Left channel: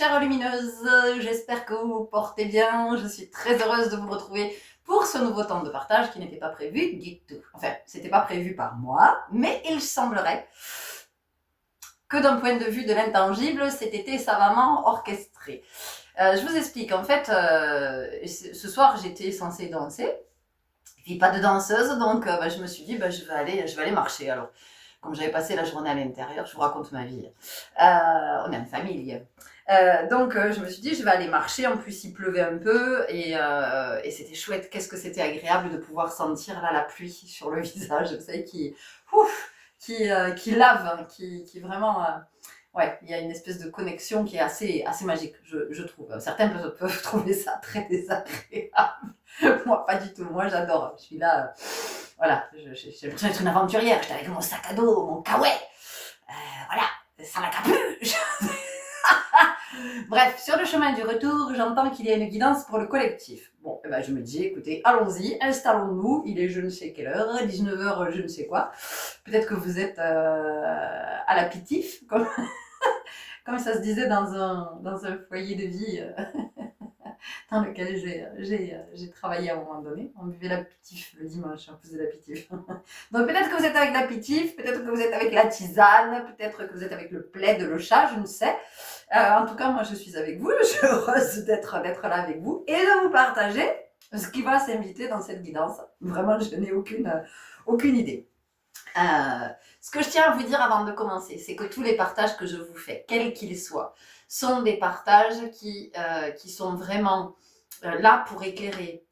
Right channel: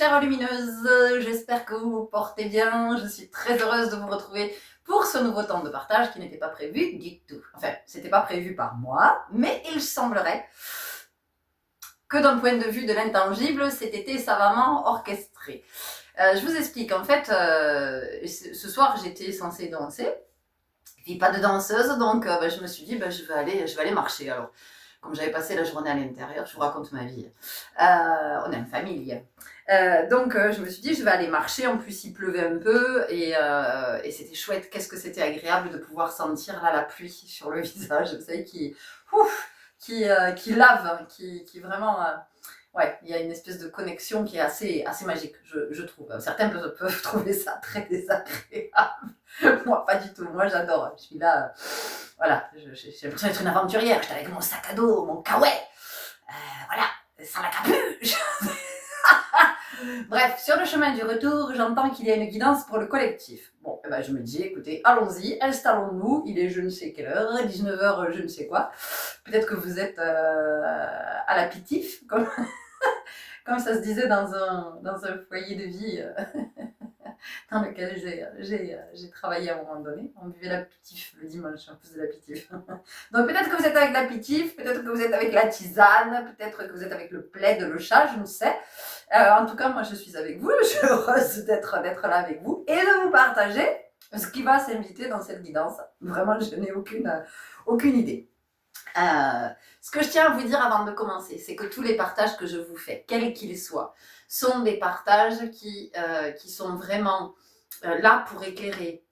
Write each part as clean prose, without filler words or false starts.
chères lumineuses, j'espère que vous vous portez bien. Je suis très heureuse de vous retrouver pour ce nouveau temps de partage qui n'était pas prévu du tout. Enfin, c'était pas prévu par moi, mais il semblerait que d'un point de vue de l'intangible, cet été savamment orchestré. Je vous explique, en fait, ce soir j'étais censée danser, et puis pas de danseuse, donc je me suis dit, je vais aller marcher. Alors, comme j'avais passé la journée à l'intérieur, je vous raconte ma vie. On est en famille. Donc je me suis dit, je vais aller marcher. En plus, il pleuvait un peu et c'était chouette. Qu'est-ce que c'était agréable de pouvoir sentir là, la pluie sur le visage, vous savez, qui lave, hein, qui vraiment... ouais, il y a une espèce de connexion qui est assez magique, je trouve. Certains peuvent trouver ça très désagréable. Moi, pas du tout. Moi, j'adore. Je suis là, voilà, j'ai l'impression d'être une aventurière. J'étais avec mon sac à dos, mon kawaii, voilà, sans la capuche. Bref, sur le chemin du retour, j'entends qu'il y a une guidance pour le collectif. Bon, je me dis, écoutez, allons-y, installons-nous. Il est je ne sais quelle heure, 19h, je ne sais quoi. Peut-être que vous êtes à l'apéritif, comme ça se disait dans un foyer de vie dans lequel j'ai travaillé à un moment donné. On buvait l'apéritif le dimanche, on faisait l'apéritif. Donc peut-être que vous êtes avec l'apéritif, peut-être que vous êtes avec la tisane, peut-être que vous êtes avec le plaid, le chat, je ne sais. En tout cas, moi je suis avec vous, je suis heureuse d'être là avec vous et de vous partager ce qui va s'inviter dans cette guidance. Vraiment, je n'ai aucune idée. Ce que je tiens à vous dire avant de commencer, c'est que tous les partages que je vous fais, quels qu'ils soient, sont des partages qui sont vraiment là pour éclairer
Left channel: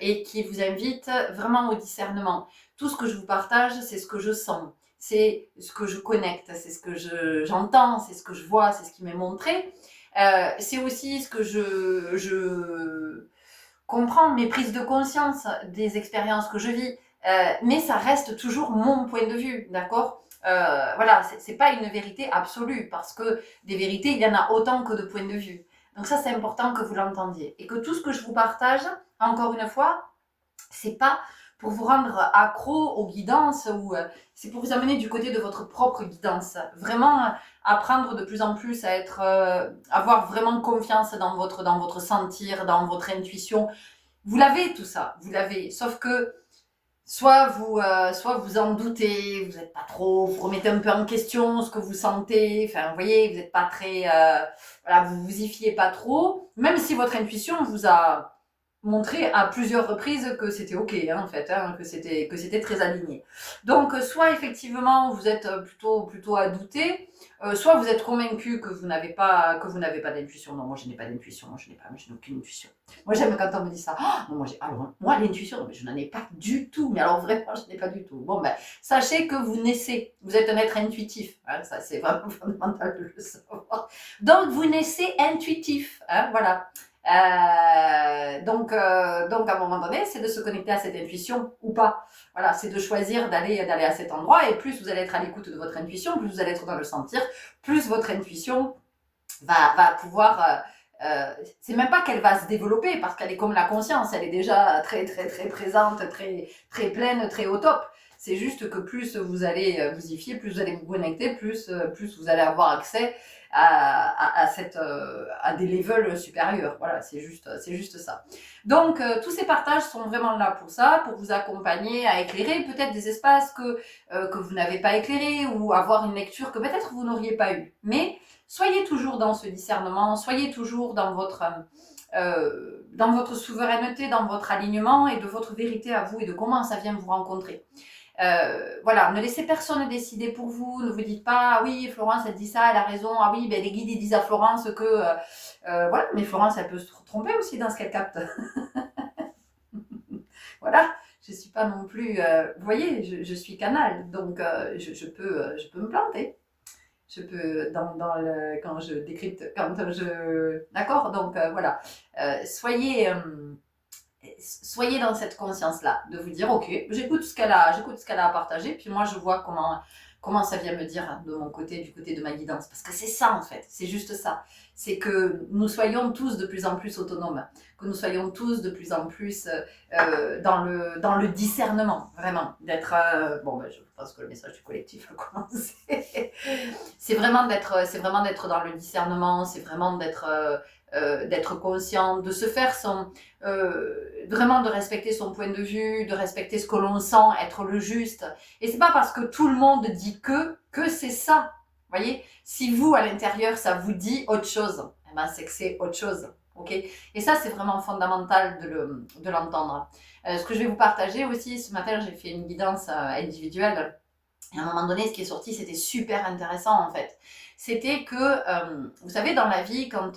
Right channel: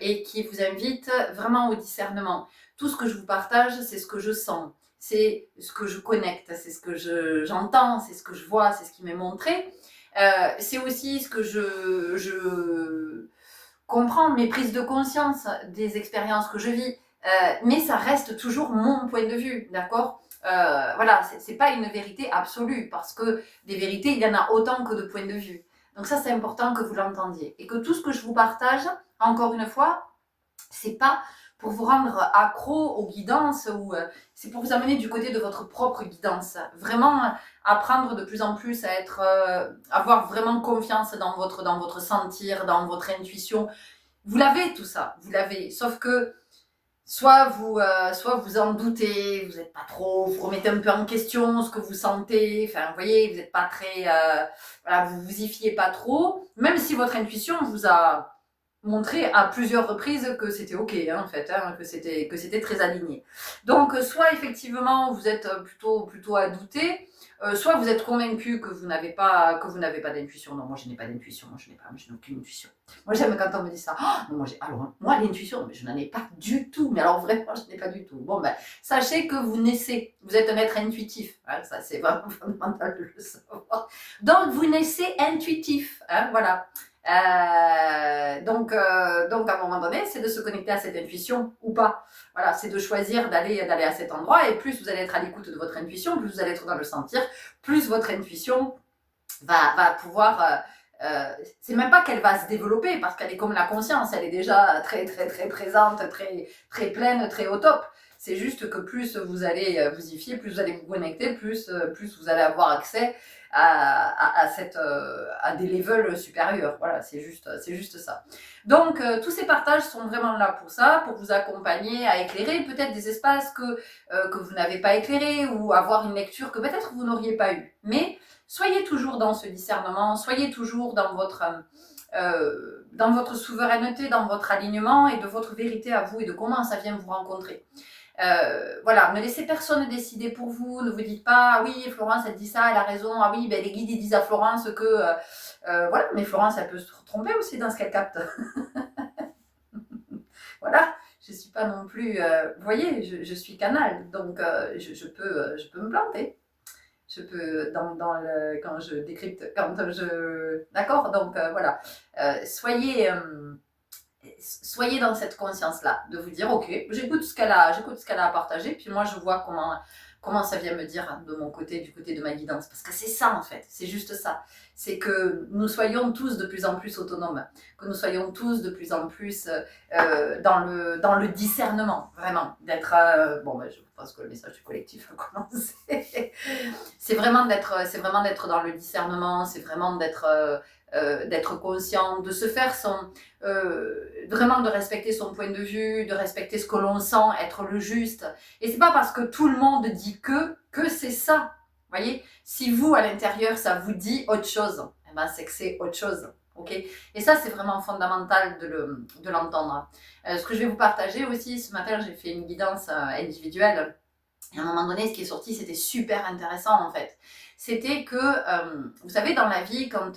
et qui vous invitent vraiment au discernement. Tout ce que je vous partage, c'est ce que je sens, c'est ce que je connecte, c'est ce que j'entends, c'est ce que je vois, c'est ce qui m'est montré. C'est aussi ce que je comprends, mes prises de conscience des expériences que je vis. Mais ça reste toujours mon point de vue, d'accord ? Voilà, c'est pas une vérité absolue, parce que des vérités, il y en a autant que de points de vue. Donc ça, c'est important que vous l'entendiez. Et que tout ce que je vous partage, encore une fois, c'est pas pour vous rendre accro aux guidances, ou c'est pour vous amener du côté de votre propre guidance. Vraiment apprendre de plus en plus à être, avoir vraiment confiance dans votre sentir, dans votre intuition. Vous l'avez tout ça, vous l'avez, sauf que soit vous en doutez, vous n'êtes pas trop, vous remettez un peu en question ce que vous sentez, enfin vous voyez, vous n'êtes pas très, voilà, vous vous y fiez pas trop, même si votre intuition vous a montré à plusieurs reprises que c'était ok, hein, en fait, hein, que c'était très aligné. Donc soit effectivement vous êtes plutôt à douter, soit vous êtes convaincu que vous n'avez pas d'intuition. Non, moi je n'ai pas d'intuition, moi je n'ai aucune intuition. Moi j'aime quand on me dit ça. Oh, non, moi l'intuition, je n'en ai pas du tout. Mais alors vraiment, je n'ai pas du tout. Bon sachez que vous naissez, vous êtes un être intuitif. Hein, ça c'est vraiment fondamental de le savoir. Donc vous naissez intuitif, hein, voilà. Donc à un moment donné, c'est de se connecter à cette intuition ou pas. Voilà, c'est de choisir d'aller à cet endroit, et plus vous allez être à l'écoute de votre intuition, plus vous allez être dans le sentir, plus votre intuition va pouvoir... c'est même pas qu'elle va se développer, parce qu'elle est comme la conscience, elle est déjà très très très présente, très très pleine, très au top. C'est juste que plus vous allez vous y fier, plus vous allez vous connecter, plus vous allez avoir accès à des levels supérieurs. Voilà, c'est juste ça. Donc tous ces partages sont vraiment là pour ça, pour vous accompagner à éclairer peut-être des espaces que vous n'avez pas éclairés, ou avoir une lecture que peut-être vous n'auriez pas eue. Mais soyez toujours dans ce discernement, soyez toujours dans votre souveraineté, dans votre alignement et de votre vérité à vous, et de comment ça vient vous rencontrer. Voilà, ne laissez personne décider pour vous, ne vous dites pas, ah oui, Florence elle dit ça, elle a raison, ah oui, les guides ils disent à Florence que, voilà, mais Florence elle peut se tromper aussi dans ce qu'elle capte. Voilà, je suis pas non plus, vous voyez, je suis canal, donc je peux me planter. Je peux, quand je décrypte, d'accord, donc voilà, soyez dans cette conscience-là, de vous dire, ok, j'écoute ce qu'elle a à partager, puis moi je vois comment ça vient me dire de mon côté, du côté de ma guidance. Parce que c'est ça en fait, c'est juste ça. C'est que nous soyons tous de plus en plus autonomes, que nous soyons tous de plus en plus dans le discernement, vraiment. D'être... bon, ben, je pense que le message du collectif a commencé. C'est vraiment d'être dans le discernement, c'est vraiment d'être conscient, de se faire vraiment de respecter son point de vue, de respecter ce que l'on sent être le juste. Et c'est pas parce que tout le monde dit que c'est ça. Vous voyez, si vous à l'intérieur ça vous dit autre chose, eh ben c'est que c'est autre chose. Ok. Et ça c'est vraiment fondamental de l'entendre. Ce que je vais vous partager aussi ce matin, j'ai fait une guidance individuelle. Et à un moment donné, ce qui est sorti, c'était super intéressant en fait. C'était que, vous savez, dans la vie, quand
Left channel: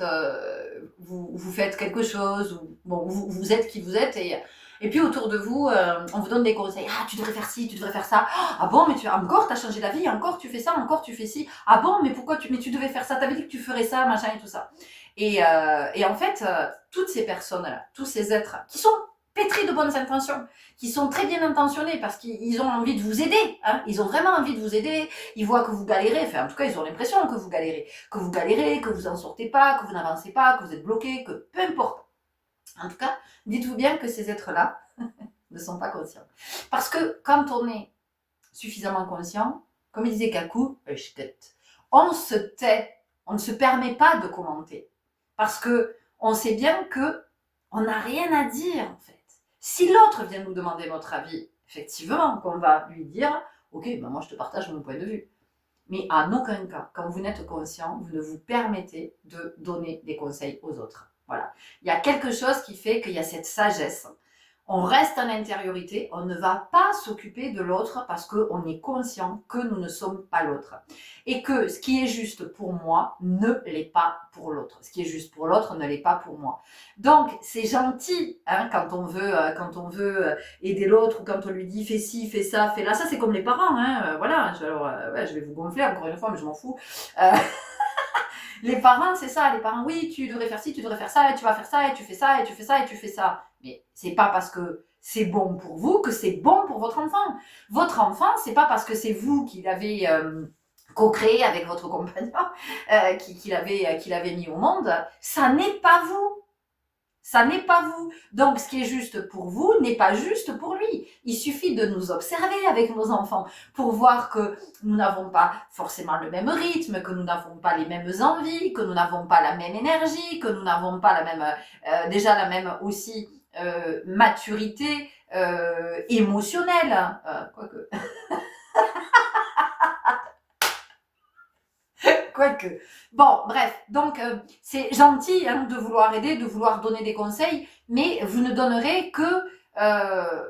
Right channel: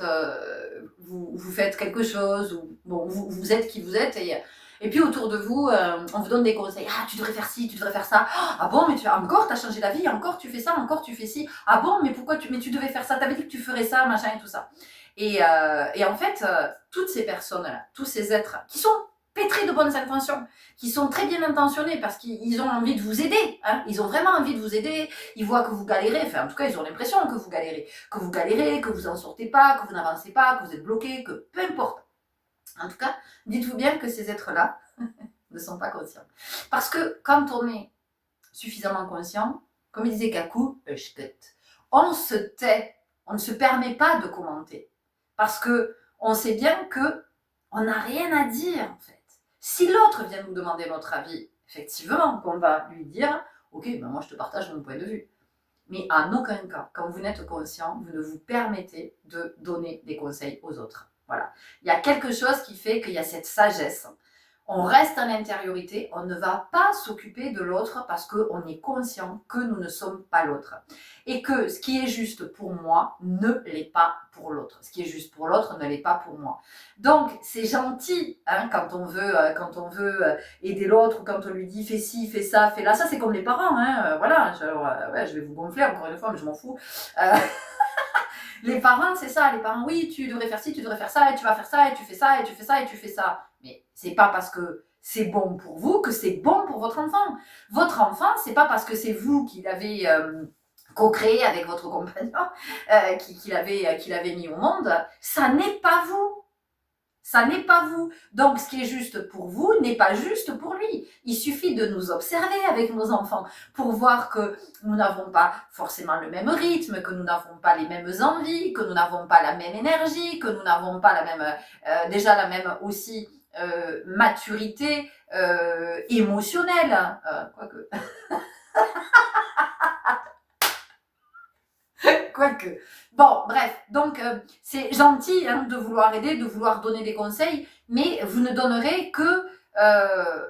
vous faites quelque chose, ou bon, vous êtes qui vous êtes, et puis autour de vous, on vous donne des conseils. Ah, tu devrais faire ci, tu devrais faire ça. Ah bon, mais encore, t'as changé d'avis, encore tu fais ça, encore tu fais ci. Ah bon, mais pourquoi mais tu devais faire ça, t'avais dit que tu ferais ça, machin et tout ça. Et en fait, toutes ces personnes-là, tous ces êtres qui sont pétris de bonnes intentions, qui sont très bien intentionnés parce qu'ils ont envie de vous aider, hein, ils ont vraiment envie de vous aider, ils voient que vous galérez, enfin en tout cas ils ont l'impression que vous galérez, que vous en sortez pas, que vous n'avancez pas, que vous êtes bloqué, que peu importe. En tout cas, dites-vous bien que ces êtres-là ne sont pas conscients. Parce que quand on est suffisamment conscient, comme il disait Kaku, on se tait, on ne se permet pas de commenter. Parce que on sait bien que on n'a rien à dire en fait. Si l'autre vient nous demander notre avis, effectivement, qu'on va lui dire « Ok, ben moi je te partage mon point de vue ». Mais en aucun cas, quand vous n'êtes conscient, vous ne vous permettez de donner des conseils aux autres. Voilà. Il y a quelque chose qui fait qu'il y a cette sagesse. On reste en intériorité, on ne va pas s'occuper de l'autre parce qu'on est conscient que nous ne sommes pas l'autre. Et que ce qui est juste pour moi ne l'est pas pour l'autre. Ce qui est juste pour l'autre ne l'est pas pour moi. Donc, c'est gentil hein, quand on veut aider l'autre ou quand on lui dit fais ci, fais ça, fais là. Ça, c'est comme les parents. Hein, voilà, ouais, je vais vous gonfler encore une fois, mais je m'en fous. Les parents, c'est ça. Les parents, oui, tu devrais faire ci, tu devrais faire ça, et tu vas faire ça, et tu fais ça, et tu fais ça, et tu fais ça. Mais c'est pas parce que c'est bon pour vous que c'est bon pour votre enfant. Votre enfant, c'est pas parce que c'est vous qui l'avez co-créé avec votre compagnon, qui l'avez mis au monde. Ça n'est pas vous. Ça n'est pas vous. Donc, ce qui est juste pour vous n'est pas juste pour lui. Il suffit de nous observer avec nos enfants pour voir que nous n'avons pas forcément le même rythme, que nous n'avons pas les mêmes envies, que nous n'avons pas la même énergie, que nous n'avons pas la même, déjà la même aussi maturité émotionnelle. Quoique. Quoique. Bon, bref, donc c'est gentil hein, de vouloir aider, de vouloir donner des conseils, mais vous ne donnerez que...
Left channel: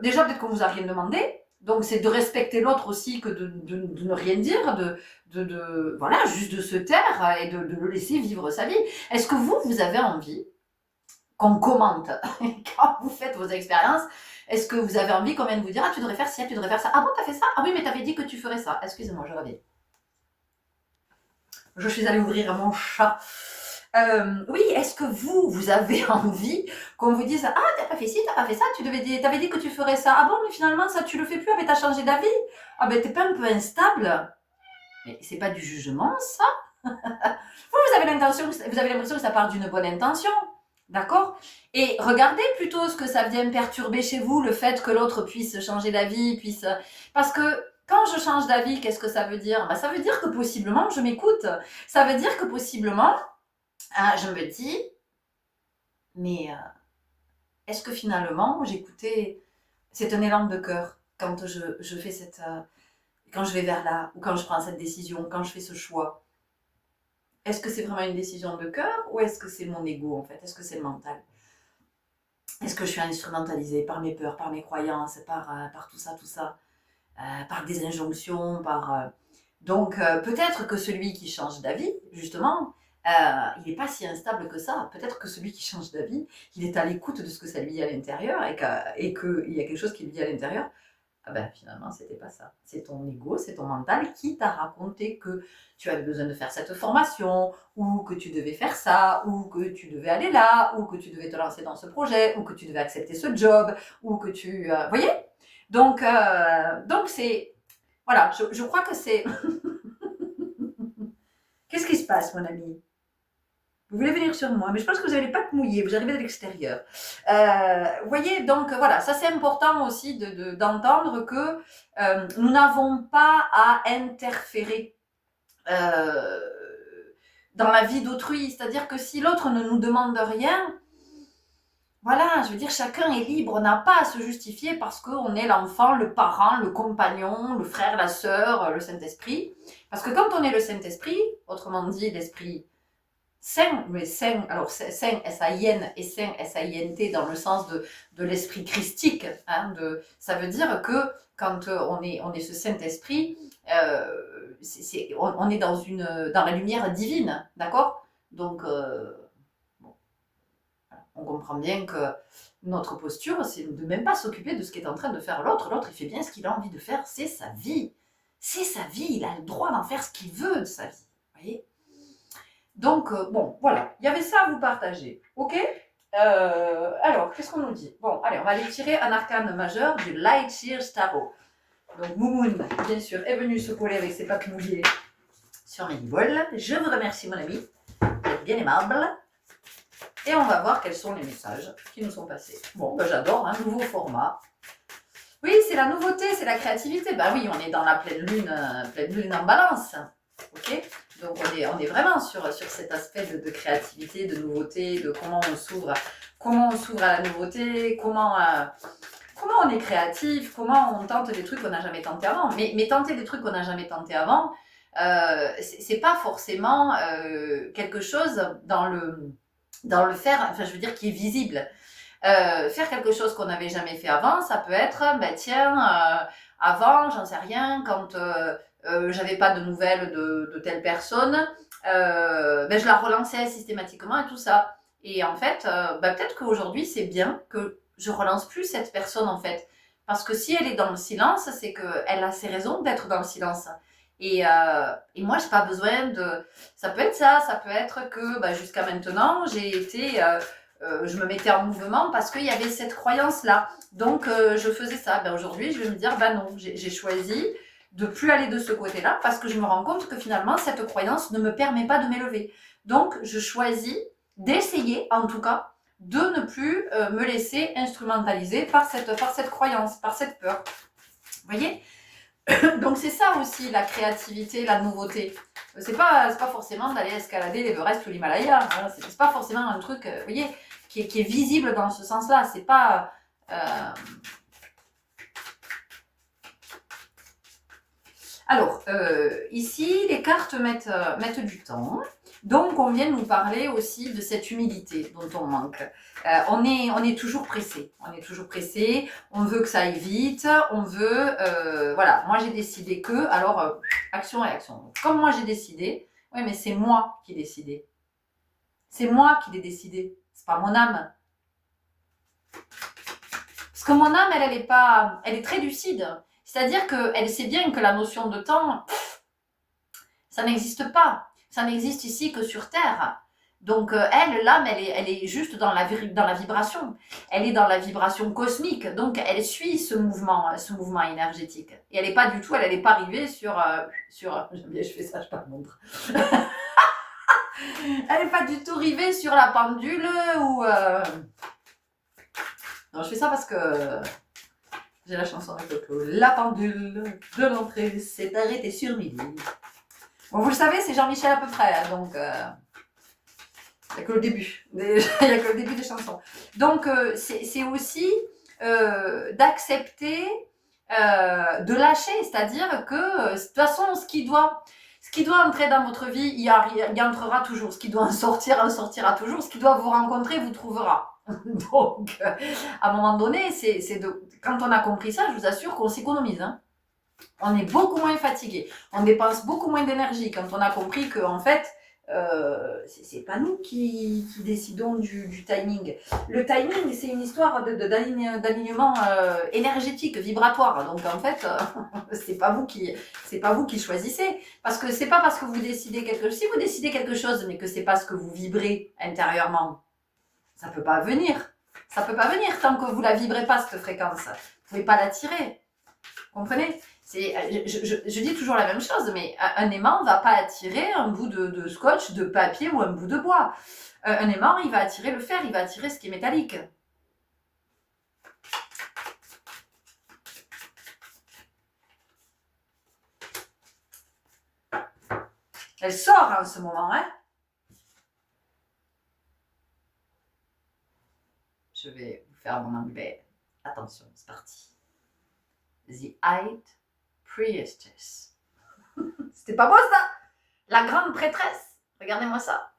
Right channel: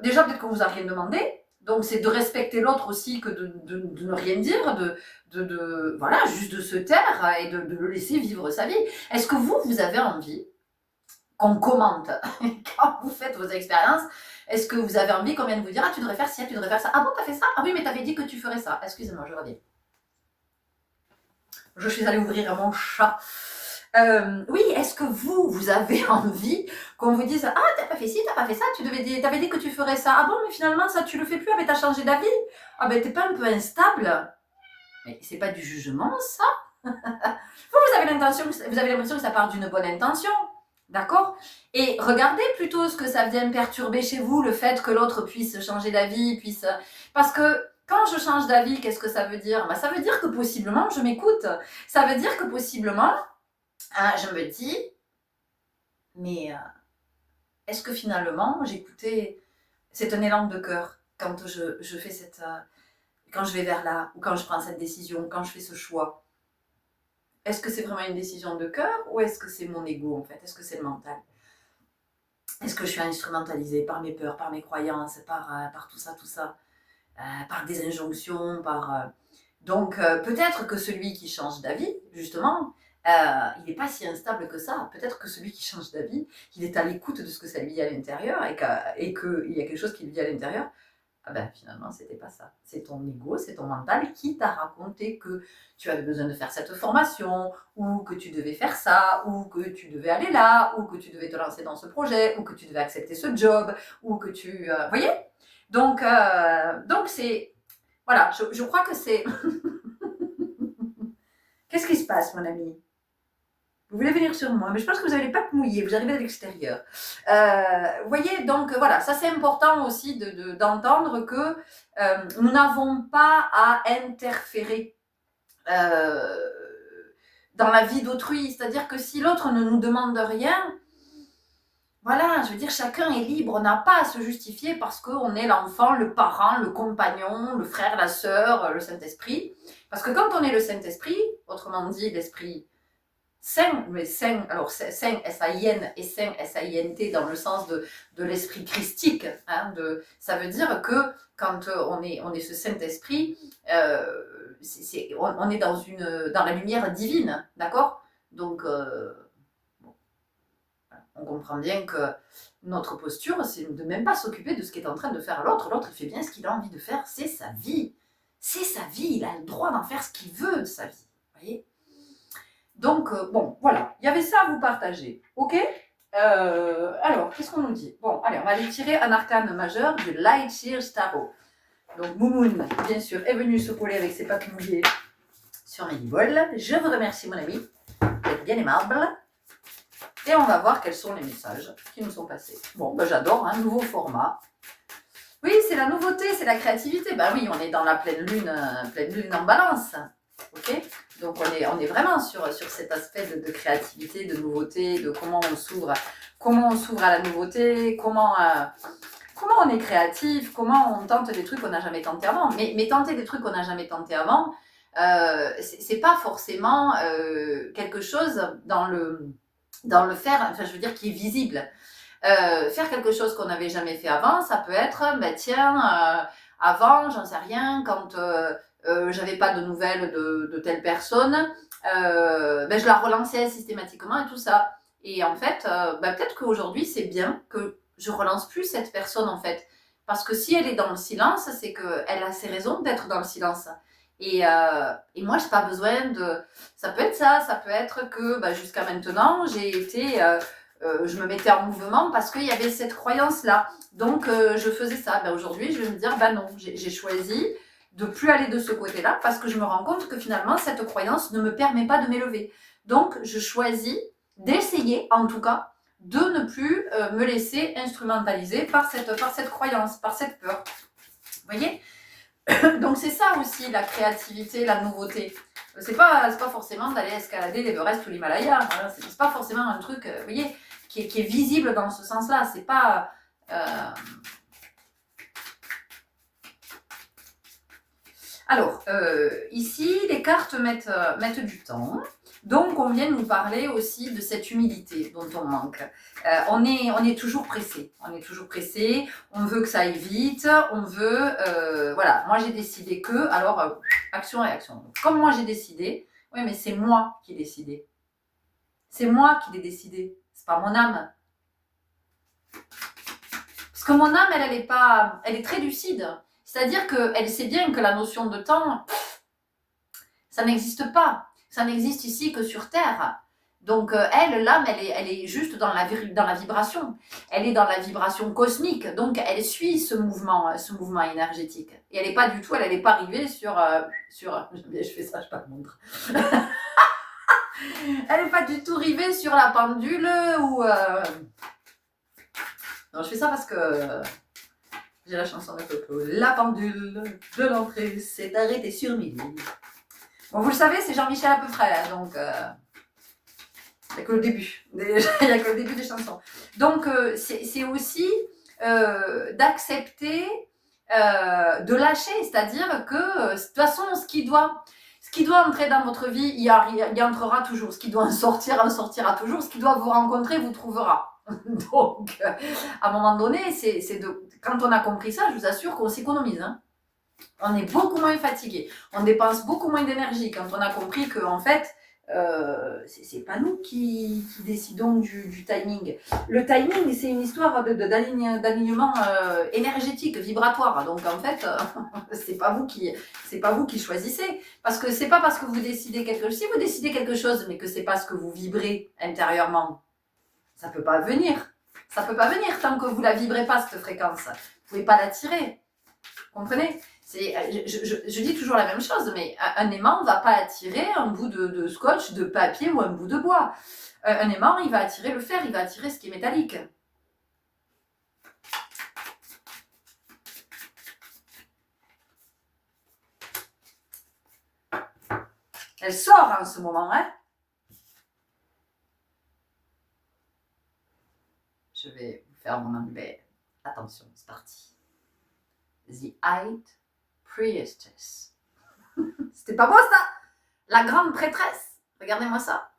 déjà, peut-être qu'on vous a rien demandé, donc c'est de respecter l'autre aussi que de ne rien dire, voilà, juste de se taire et de le laisser vivre sa vie. Est-ce que vous avez envie qu'on commente quand vous faites vos expériences? Est-ce que vous avez envie qu'on vienne vous dire « Ah, tu devrais faire ci, tu devrais faire ça. Ah bon, t'as fait ça? Ah oui, mais t'avais dit que tu ferais ça. » Excusez-moi, je reviens. Je suis allée ouvrir mon chat. Oui, est-ce que vous avez envie qu'on vous dise « Ah, t'as pas fait ci, t'as pas fait ça, t'avais dit que tu ferais ça. Ah bon, mais finalement, ça, tu le fais plus, ah, mais t'as changé d'avis. Ah ben, t'es pas un peu instable ?» Mais c'est pas du jugement, ça. Vous avez l'impression que ça part d'une bonne intention. D'accord? Et regardez plutôt ce que ça vient perturber chez vous, le fait que l'autre puisse changer d'avis, parce que quand je change d'avis, qu'est-ce que ça veut dire? Ben, ça veut dire que possiblement je m'écoute. Ça veut dire que possiblement je me dis, mais est-ce que finalement j'écoutais, c'est un élan de cœur quand je fais quand je vais vers là, ou quand je prends cette décision, quand je fais ce choix. Est-ce que c'est vraiment une décision de cœur ou est-ce que c'est mon ego en fait? Est-ce que c'est le mental? Est-ce que je suis instrumentalisée par mes peurs, par mes croyances, par tout ça, par des injonctions, Donc peut-être que celui qui change d'avis, justement, il n'est pas si instable que ça. Peut-être que celui qui change d'avis, il est à l'écoute de ce que ça lui dit à l'intérieur et qu'il y a quelque chose qui lui dit à l'intérieur. Ah ben finalement, c'était pas ça. C'est ton ego, c'est ton mental qui t'a raconté que tu avais besoin de faire cette formation, ou que tu devais faire ça, ou que tu devais aller là, ou que tu devais te lancer dans ce projet, ou que tu devais accepter ce job, ou que tu... voyez? Donc c'est Voilà, je crois que c'est... Qu'est-ce qui se passe, mon ami? Vous voulez venir sur moi, mais je pense que vous n'avez pas te mouiller, vous arrivez de l'extérieur. Vous voyez, donc voilà, ça c'est important aussi d'entendre que nous n'avons pas à interférer euh, dans la vie d'autrui. C'est-à-dire que si l'autre ne nous demande rien, voilà, je veux dire, chacun est libre, on n'a pas à se justifier parce qu'on est l'enfant, le parent, le compagnon, le frère, la sœur, le Saint-Esprit. Parce que quand on est le Saint-Esprit, autrement dit l'Esprit Saint, mais Saint, alors Saint S-A-I-N et Saint S-A-I-N-T dans le sens de l'esprit christique. Hein, ça veut dire que quand on est ce Saint-Esprit, on est dans la lumière divine, d'accord? Donc, bon, on comprend bien que notre posture, c'est de même pas s'occuper de ce qu'est en train de faire l'autre. L'autre, il fait bien ce qu'il a envie de faire, c'est sa vie. C'est sa vie, il a le droit d'en faire ce qu'il veut de sa vie. Vous voyez? Donc, bon, voilà, il y avait ça à vous partager, ok? Alors, qu'est-ce qu'on nous dit? Bon, allez, on va aller tirer un arcane majeur du Light Year Tarot. Donc, Moumoun, bien sûr, est venu se coller avec ses pattes mouillées sur mes bols. Je vous remercie, mon ami, d'être bien aimable. Et on va voir quels sont les messages qui nous sont passés. Bon, ben, j'adore, un nouveau format. Oui, c'est la nouveauté, c'est la créativité. Ben oui, on est dans la pleine lune en balance. Ok, donc on est vraiment sur cet aspect de créativité, de nouveauté, de comment on s'ouvre à la nouveauté, comment on est créatif, comment on tente des trucs qu'on n'a jamais tenté avant. Mais tenter des trucs qu'on n'a jamais tenté avant, c'est pas forcément quelque chose dans le faire, enfin je veux dire qui est visible. Faire quelque chose qu'on n'avait jamais fait avant, ça peut être, ben tiens, avant, j'en sais rien, quand j'avais pas de nouvelles de telle personne, ben je la relançais systématiquement et tout ça. Et en fait, ben peut-être qu'aujourd'hui, c'est bien que je relance plus cette personne, en fait. Parce que si elle est dans le silence, c'est qu'elle a ses raisons d'être dans le silence. Et moi, j'ai pas besoin de... Ça peut être ça, ça peut être que ben, jusqu'à maintenant, j'ai été... je me mettais en mouvement parce qu'il y avait cette croyance-là. Donc, je faisais ça. Ben, aujourd'hui, je vais me dire, ben non, j'ai choisi de plus aller de ce côté-là parce que je me rends compte que finalement, cette croyance ne me permet pas de m'élever. Donc, je choisis d'essayer, en tout cas, de ne plus me laisser instrumentaliser par cette croyance, par cette peur. Vous voyez? Donc, c'est ça aussi, la créativité, la nouveauté. C'est pas forcément d'aller escalader l'Everest ou l'Himalaya. Hein. C'est pas forcément un truc, vous voyez, qui est visible dans ce sens-là. C'est pas... Alors, ici, les cartes mettent du temps. Donc, on vient nous parler aussi de cette humilité dont on manque. On est toujours pressé. On est toujours pressé. On veut que ça aille vite. On veut... voilà, moi, j'ai décidé que... Alors, action-réaction. Comme moi, j'ai décidé... Oui, mais c'est moi qui ai décidé. C'est moi qui l'ai décidé. C'est pas mon âme. Parce que mon âme, elle est très lucide. C'est-à-dire qu'elle sait bien que la notion de temps, ça n'existe pas. Ça n'existe ici que sur Terre. Donc elle, l'âme, elle est juste dans la vibration. Elle est dans la vibration cosmique. Donc elle suit ce mouvement énergétique. Et elle n'est pas du tout, elle n'est pas arrivée sur j'aime bien, je fais ça, je pas te montre. Elle n'est pas du tout arrivée sur la pendule ou... Non, je fais ça parce que j'ai la chanson avec le clou. La pendule de l'entrée s'est arrêtée sur midi. Bon, vous le savez, c'est Jean-Michel à peu près, là, donc il n'y a que le début. Il n'y a que le début des chansons. Donc, c'est aussi d'accepter, de lâcher, c'est-à-dire que, de toute façon, ce qui doit entrer dans votre vie, il y entrera toujours. Ce qui doit en sortira toujours. Ce qui doit vous rencontrer, vous trouvera. Donc, à un moment donné, quand on a compris ça, je vous assure qu'on s'économise. Hein. On est beaucoup moins fatigué. On dépense beaucoup moins d'énergie quand on a compris que, en fait, c'est pas nous qui décidons du timing. Le timing, c'est une histoire d'alignement énergétique, vibratoire. Donc, en fait, c'est pas vous qui choisissez. Parce que c'est pas parce que vous décidez quelque chose. Si vous décidez quelque chose, mais que c'est pas ce que vous vibrez intérieurement, ça peut pas venir. Ça peut pas venir tant que vous la vibrez pas, cette fréquence. Vous pouvez pas l'attirer. Comprenez? Je dis toujours la même chose, mais un aimant ne va pas attirer un bout de scotch, de papier ou un bout de bois. Un aimant, il va attirer le fer, il va attirer ce qui est métallique. Elle sort en ce moment, hein. Je vais vous faire mon anglais. Attention, c'est parti. The High Priestess. C'était pas beau ça? La grande prêtresse. Regardez-moi ça.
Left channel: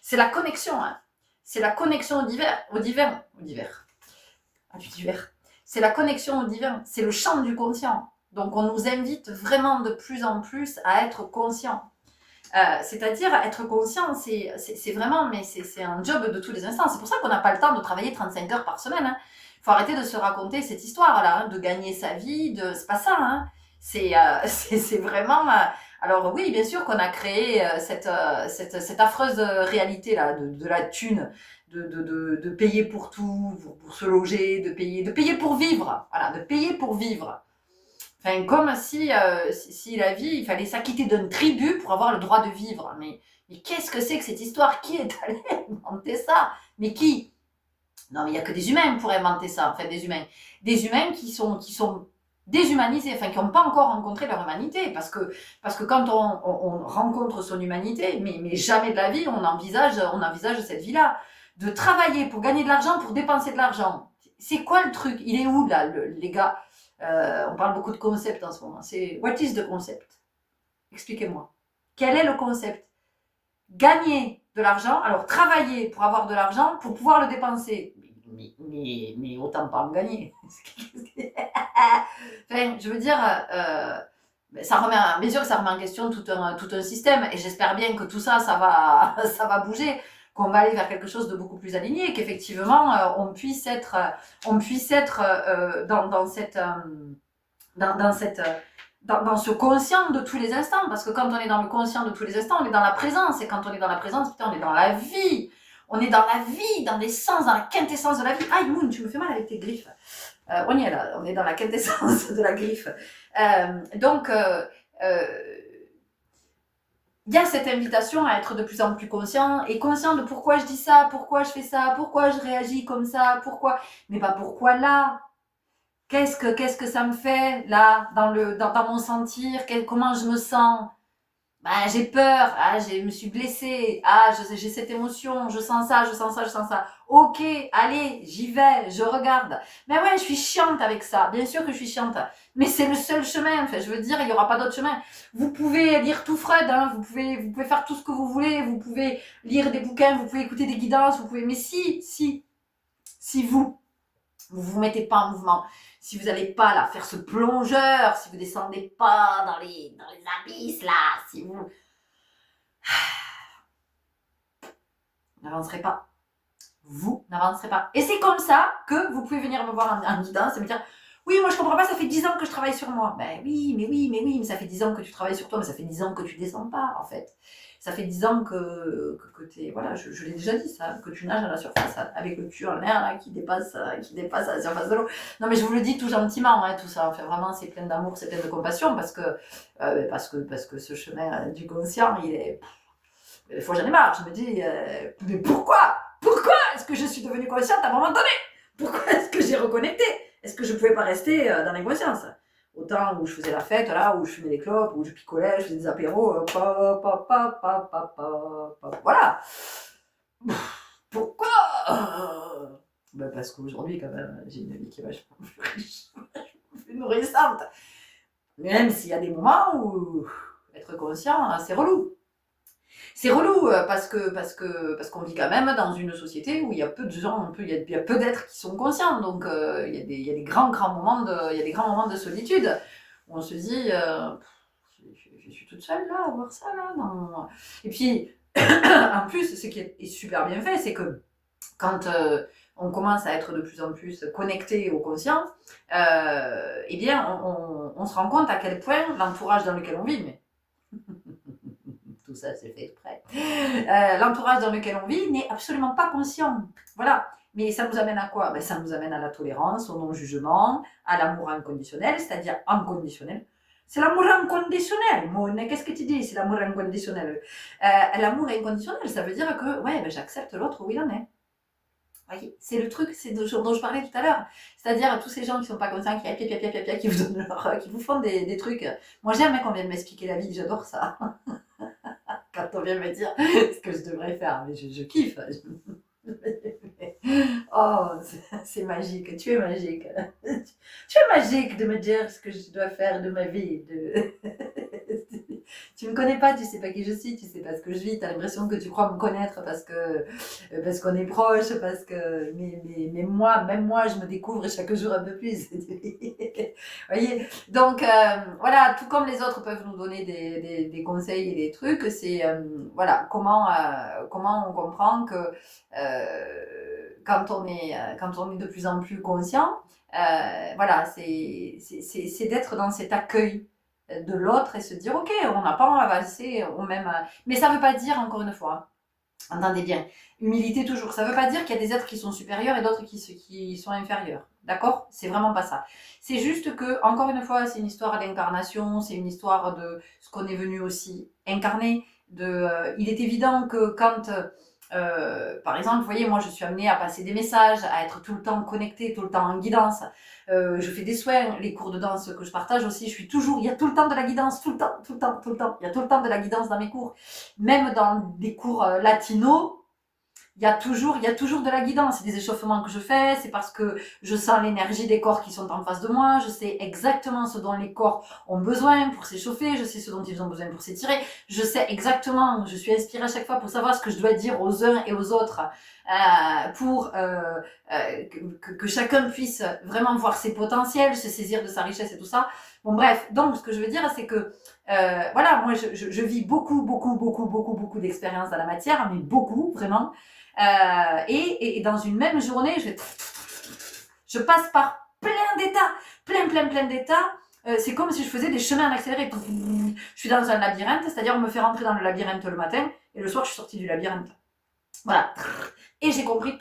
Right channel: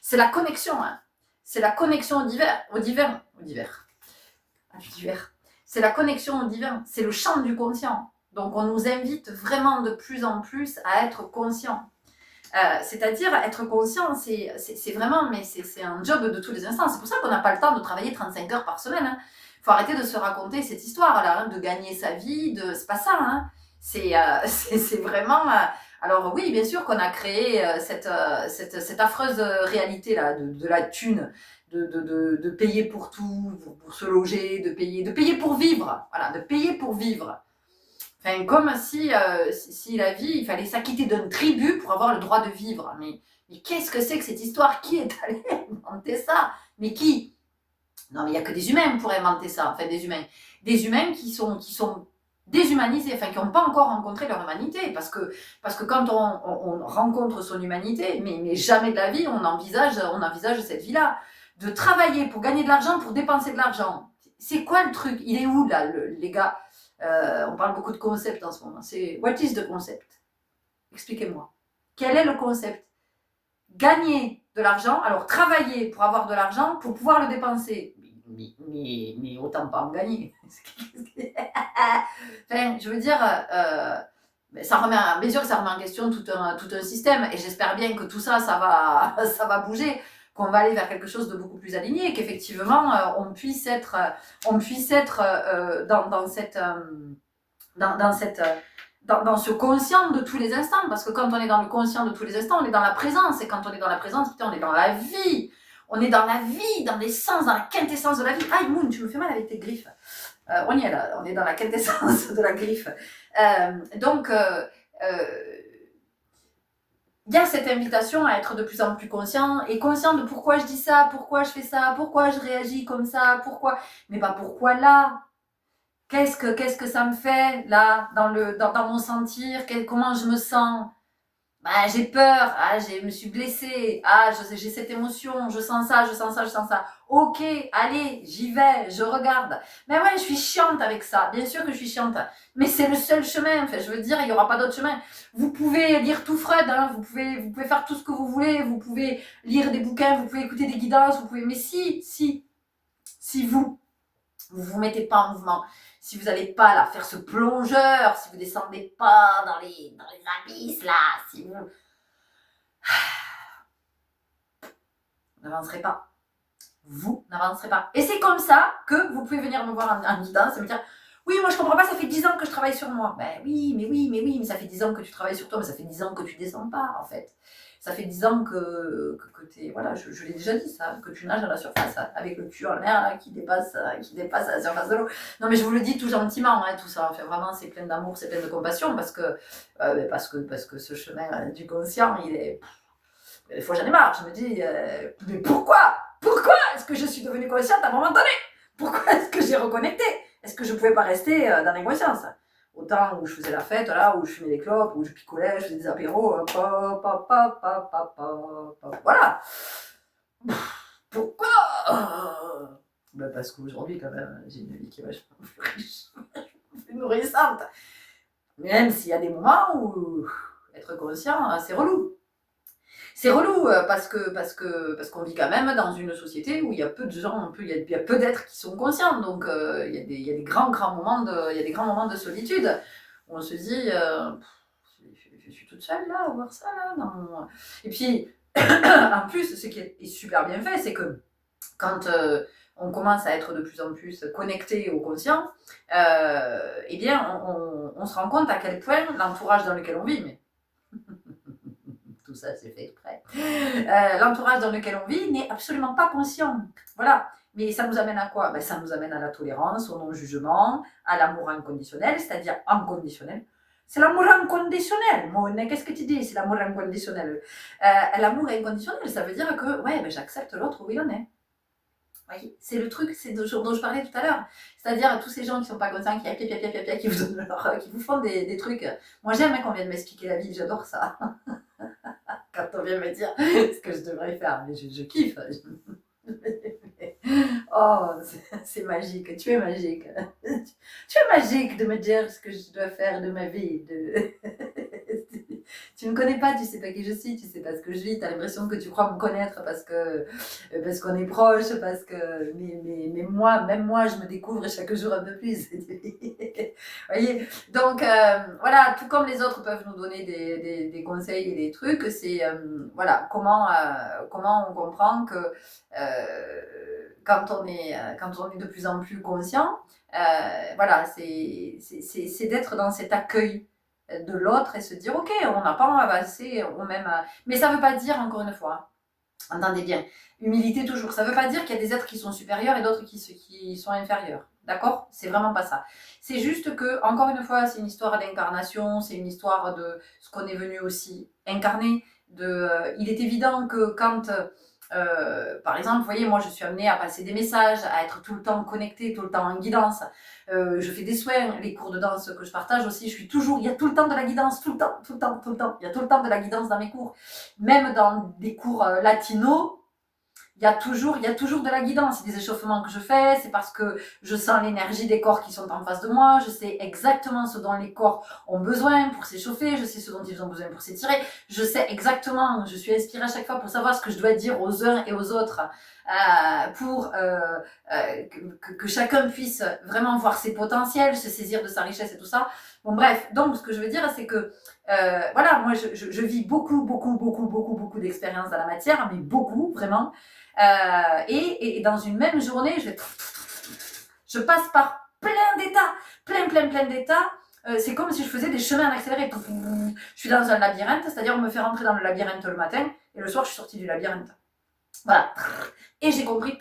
C'est la connexion, hein. C'est la connexion au divin. C'est la connexion au divin. C'est le champ du conscient. Donc on nous invite vraiment de plus en plus à être conscient. C'est-à-dire être conscient, c'est vraiment, mais c'est un job de tous les instants. C'est pour ça qu'on n'a pas le temps de travailler 35 heures par semaine. Hein. Faut arrêter de se raconter cette histoire-là, hein, de gagner sa vie, c'est pas ça. Hein. C'est vraiment. Alors oui, bien sûr qu'on a créé cette affreuse réalité-là de la thune, de payer pour tout, pour se loger, de payer pour vivre. Voilà, de payer pour vivre. Enfin, comme si la vie, il fallait s'acquitter d'un tribut pour avoir le droit de vivre. Mais qu'est-ce que c'est que cette histoire? Qui est allé inventer ça? Mais qui? Non, mais il n'y a que des humains pour inventer ça. Enfin, des humains. Des humains qui sont déshumanisés, enfin, qui n'ont pas encore rencontré leur humanité. Parce que quand on rencontre son humanité, mais jamais de la vie, on envisage cette vie-là. De travailler pour gagner de l'argent, pour dépenser de l'argent. C'est quoi le truc? Il est où, là, les gars? On parle beaucoup de concept en ce moment. C'est what is the concept? Expliquez-moi. Quel est le concept? Gagner de l'argent, alors travailler pour avoir de l'argent pour pouvoir le dépenser. Mais autant pas en gagner. Enfin, je veux dire, ça remet, bien sûr que ça remet en question tout un système, et j'espère bien que tout ça, ça va bouger, qu'on va aller vers quelque chose de beaucoup plus aligné, qu'effectivement on puisse être dans ce conscient de tous les instants, parce que quand on est dans le conscient de tous les instants, on est dans la présence, et quand on est dans la présence, putain, on est dans la vie, dans l'essence, dans la quintessence de la vie. Aïe, Moon, tu me fais mal avec tes griffes. On y est là, on est dans la quintessence de la griffe. Donc, il y a cette invitation à être de plus en plus conscient, et conscient de pourquoi je dis ça, pourquoi je fais ça, pourquoi je réagis comme ça, pourquoi, mais pas pourquoi là. Qu'est-ce que ça me fait là, dans mon sentir, comment je me sens? Bah, j'ai peur, je me suis blessée, j'ai cette émotion, je sens ça, je sens ça, je sens ça. Ok, allez, j'y vais, je regarde. Mais ouais, je suis chiante avec ça, bien sûr que je suis chiante. Mais c'est le seul chemin, enfin, je veux dire, il n'y aura pas d'autre chemin. Vous pouvez lire tout Freud, hein, vous pouvez faire tout ce que vous voulez, vous pouvez lire des bouquins, vous pouvez écouter des guidances, mais si vous mettez pas en mouvement, si vous n'allez pas là faire ce plongeur, si vous descendez pas dans les abysses là, si vous n'avancerez pas. Vous n'avancerez pas. Et c'est comme ça que vous pouvez venir me voir en guidance et me dire oui, moi je comprends pas, ça fait 10 ans que je travaille sur moi. Ben oui, mais ça fait 10 ans que tu travailles sur toi, mais ça fait 10 ans que tu descends pas en fait. Ça fait 10 ans que tu es, voilà, je l'ai déjà dit ça, que tu nages à la surface avec le cul en l'air là, qui dépasse à la surface de l'eau. Non mais je vous le dis tout gentiment, hein, tout ça. Enfin vraiment, c'est plein d'amour, c'est plein de compassion parce que ce chemin du conscient, il est. Des fois j'en ai marre, je me dis, mais pourquoi est-ce que je suis devenue consciente à un moment donné? Pourquoi est-ce que j'ai reconnecté? Est-ce que je pouvais pas rester dans l'inconscience? Autant où je faisais la fête, là, où je fumais des clopes, où je picolais, je faisais des apéros, voilà. Pourquoi? Ben parce qu'aujourd'hui, quand même, j'ai une vie qui est vachement plus riche, plus nourrissante. Même s'il y a des moments où être conscient, c'est relou. C'est relou parce qu'on vit quand même dans une société où il y a peu de gens, il y a peu d'êtres qui sont conscients. Donc il y a des grands moments de solitude où on se dit je suis toute seule là à voir ça là. Non. Et puis en plus, ce qui est super bien fait, c'est que quand on commence à être de plus en plus connecté au conscient, eh bien on se rend compte à quel point l'entourage dans lequel on vit, mais tout ça c'est fait exprès, l'entourage dans lequel on vit n'est absolument pas conscient. Voilà. Mais ça nous amène à quoi? Ben, ça nous amène à la tolérance, au non-jugement, à l'amour inconditionnel, c'est-à-dire inconditionnel. C'est l'amour inconditionnel, Mon. Qu'est-ce que tu dis? C'est l'amour inconditionnel. L'amour inconditionnel, ça veut dire que ouais, ben, j'accepte l'autre où il en est. Voyez, c'est le truc, c'est dont je parlais tout à l'heure. C'est-à-dire tous ces gens qui sont pas conscients, qui vous donnent qui vous font des trucs. Moi j'aime qu'on vienne m'expliquer la vie, j'adore ça. Quand on vient me dire ce que je devrais faire, mais je kiffe. Oh, c'est magique, tu es magique. Tu es magique de me dire ce que je dois faire de ma vie. Tu me connais pas, tu sais pas qui je suis, tu sais pas ce que je vis, tu as l'impression que tu crois me connaître parce qu'on est proche, parce que mais moi, même moi, je me découvre chaque jour un peu plus. Voyez, donc voilà, tout comme les autres peuvent nous donner des conseils et des trucs, c'est voilà comment on comprend que quand on est de plus en plus conscient, voilà, c'est d'être dans cet accueil de l'autre et se dire ok, on n'a pas avancé au même, mais ça veut pas dire, encore une fois, entendez bien, humilité toujours, ça veut pas dire qu'il y a des êtres qui sont supérieurs et d'autres qui sont inférieurs, d'accord? C'est vraiment pas ça. C'est juste que, encore une fois, c'est une histoire d'incarnation, c'est une histoire de ce qu'on est venu aussi incarner. Il est évident que quand par exemple, vous voyez, moi je suis amenée à passer des messages, à être tout le temps connectée, tout le temps en guidance. Je fais des soins, les cours de danse que je partage aussi, il y a tout le temps de la guidance, tout le temps, tout le temps, tout le temps. Il y a tout le temps de la guidance dans mes cours. Même dans des cours latinos, il y a toujours de la guidance. C'est des échauffements que je fais, c'est parce que je sens l'énergie des corps qui sont en face de moi, je sais exactement ce dont les corps ont besoin pour s'échauffer, je sais ce dont ils ont besoin pour s'étirer, je sais exactement, je suis inspirée à chaque fois pour savoir ce que je dois dire aux uns et aux autres, pour que chacun puisse vraiment voir ses potentiels, se saisir de sa richesse et tout ça. Bon bref, donc ce que je veux dire, c'est que voilà, moi je vis beaucoup d'expériences dans la matière, mais beaucoup, vraiment. Et dans une même journée, je passe par plein d'états, plein d'états. C'est comme si je faisais des chemins en accéléré. Je suis dans un labyrinthe, c'est-à-dire on me fait rentrer dans le labyrinthe le matin, et le soir je suis sortie du labyrinthe. Voilà. Et j'ai compris,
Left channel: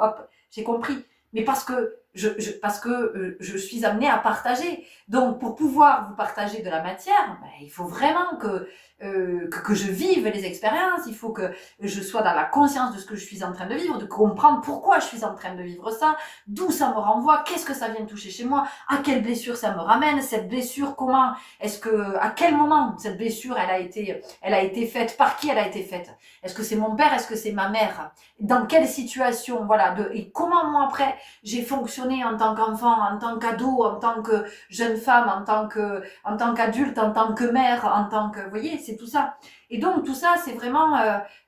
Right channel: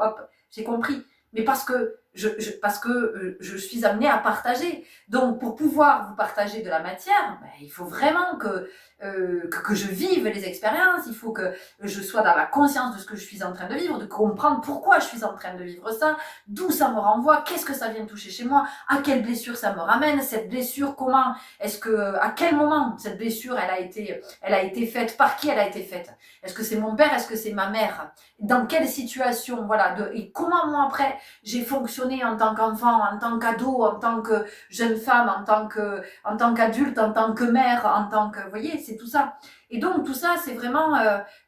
hop, j'ai compris. Mais parce que je suis amenée à partager. Donc, pour pouvoir vous partager de la matière, ben, il faut vraiment que je vive les expériences, il faut que je sois dans la conscience de ce que je suis en train de vivre, de comprendre pourquoi je suis en train de vivre ça, d'où ça me renvoie, qu'est-ce que ça vient toucher chez moi, à quelle blessure ça me ramène, cette blessure, comment, à quel moment cette blessure, elle a été faite, par qui elle a été faite. Est-ce que c'est mon père, est-ce que c'est ma mère? Dans quelle situation, voilà, et comment moi après j'ai fonctionné en tant qu'enfant, en tant qu'ado, en tant que jeune femme, en tant qu'adulte, en tant que mère, en tant que, vous voyez, c'est tout ça. Et donc tout ça, c'est vraiment,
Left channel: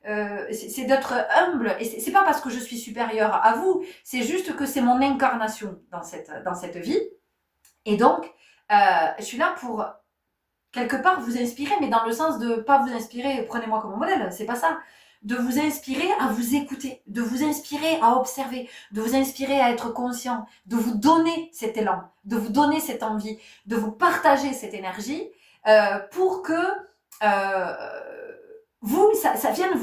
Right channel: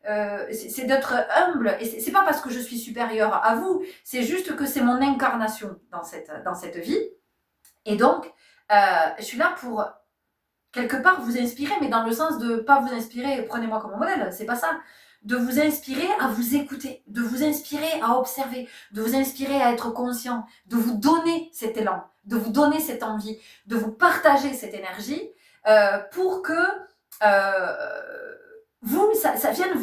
c'est d'être humble. Et c'est pas parce que je suis supérieure à vous, c'est juste que c'est mon incarnation dans cette vie. Et donc, je suis là pour quelque part vous inspirer, mais dans le sens de pas vous inspirer, prenez-moi comme modèle, c'est pas ça. De vous inspirer à vous écouter, de vous inspirer à observer, de vous inspirer à être conscient, de vous donner cet élan, de vous donner cette envie, de vous partager cette énergie pour que ça vienne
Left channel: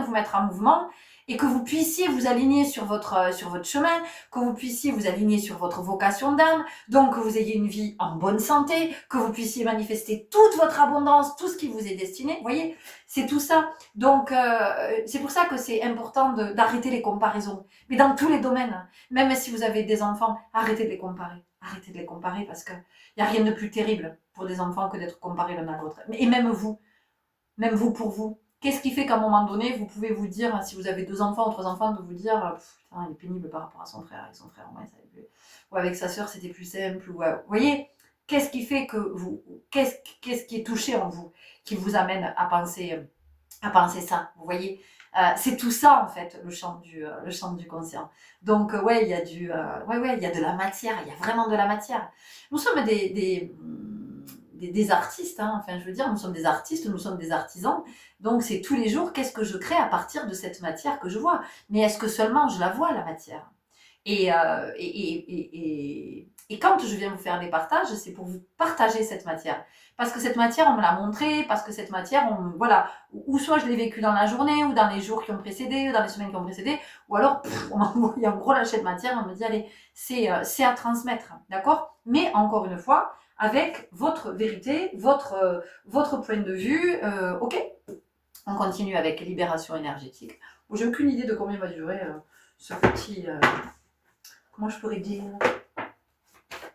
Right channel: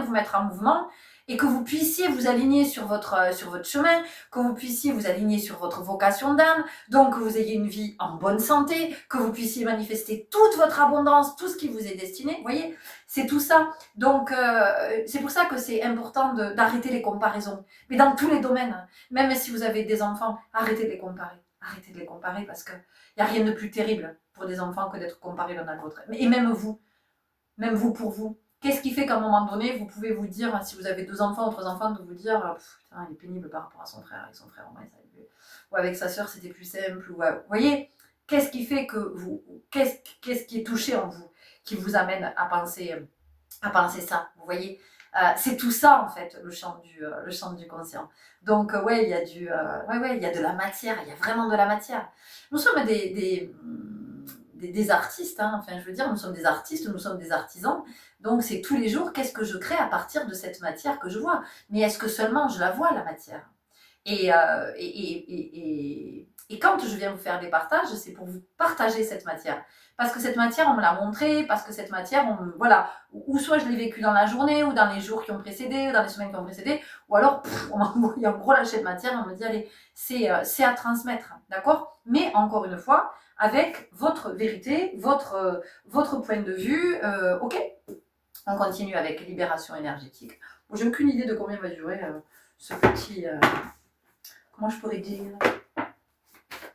vous mettre en mouvement et que vous puissiez vous aligner sur votre chemin, que vous puissiez vous aligner sur votre vocation d'âme, donc que vous ayez une vie en bonne santé, que vous puissiez manifester toute votre abondance, tout ce qui vous est destiné, vous voyez, c'est tout ça. Donc c'est pour ça que c'est important d'arrêter les comparaisons, mais dans tous les domaines, même si vous avez des enfants, arrêtez de les comparer parce qu'il n'y a rien de plus terrible pour des enfants que d'être comparés l'un à l'autre, et même vous pour vous. Qu'est-ce qui fait qu'à un moment donné, vous pouvez vous dire, si vous avez 2 enfants ou 3 enfants, de vous dire, putain, il est pénible par rapport à son frère, avec son frère, ouais, ça ou avec sa sœur, c'était plus simple, ou, vous voyez, qu'est-ce qui fait que qu'est-ce qui est touché en vous, qui vous amène à penser ça, vous voyez, c'est tout ça en fait, le champ du conscient. Donc ouais, il y a il y a de la matière, il y a vraiment de la matière. Nous sommes des artistes, hein. Enfin je veux dire, nous sommes des artistes, nous sommes des artisans, donc c'est tous les jours, qu'est-ce que je crée à partir de cette matière que je vois, mais est-ce que seulement je la vois, la matière, et Et quand je viens vous faire des partages, c'est pour vous partager cette matière. Parce que cette matière, on me l'a montrée, parce que cette matière, voilà, ou soit je l'ai vécue dans la journée, ou dans les jours qui ont précédé, ou dans les semaines qui ont précédé, ou alors on m'a envoyé un gros lâcher de matière, on me dit, allez, c'est à transmettre, d'accord? Mais encore une fois, avec votre vérité, votre point de vue, ok? On continue avec libération énergétique. Bon, j'ai aucune idée de combien va durer ce petit... comment je pourrais dire?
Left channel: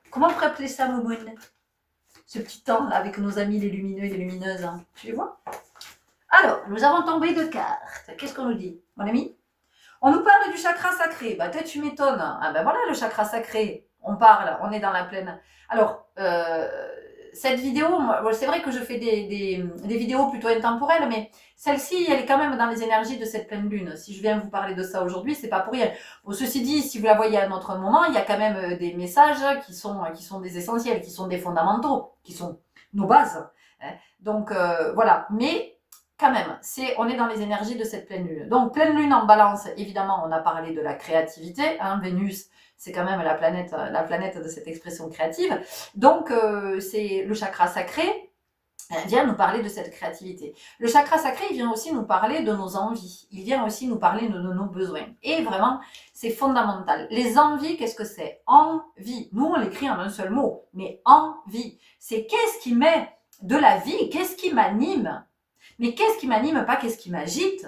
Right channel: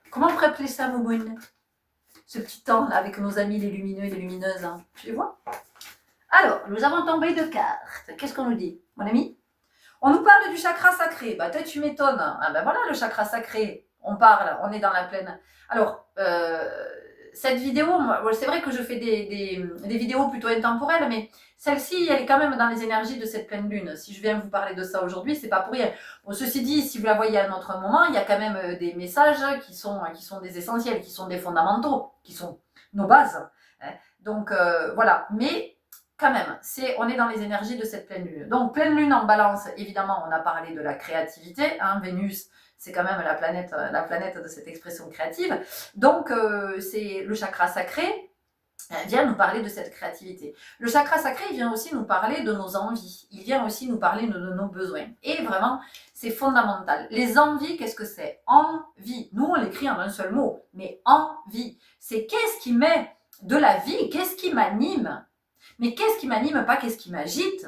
Comment on pourrait appeler ça, Momoun? Ce petit temps là avec nos amis les lumineux et les lumineuses. Hein. Tu les vois? Alors, nous avons tombé de cartes. Qu'est-ce qu'on nous dit, mon ami? On nous parle du chakra sacré. Bah, toi, tu m'étonnes. Ah, ben voilà, le chakra sacré. On parle, on est dans la pleine. Alors, cette vidéo, c'est vrai que je fais des vidéos plutôt intemporelles, mais celle-ci, elle est quand même dans les énergies de cette pleine lune. Si je viens vous parler de ça aujourd'hui, c'est pas pour rien. Bon, ceci dit, si vous la voyez à un autre moment, il y a quand même des messages qui sont des essentiels, qui sont des fondamentaux, qui sont nos bases. Hein. Donc, voilà. Mais quand même, on est dans les énergies de cette pleine lune. Donc, pleine lune en balance, évidemment, on a parlé de la créativité. Hein, Vénus, c'est quand même la planète de cette expression créative. Donc, c'est le chakra sacré vient nous parler de cette créativité. Le chakra sacré, il vient aussi nous parler de nos envies. Il vient aussi nous parler de nos besoins. Et vraiment, c'est fondamental. Les envies, qu'est-ce que c'est? Envie. Nous, on l'écrit en un seul mot, mais envie. C'est qu'est-ce qui met de la vie? Qu'est-ce qui m'anime? Mais qu'est-ce qui m'anime, pas qu'est-ce qui m'agite?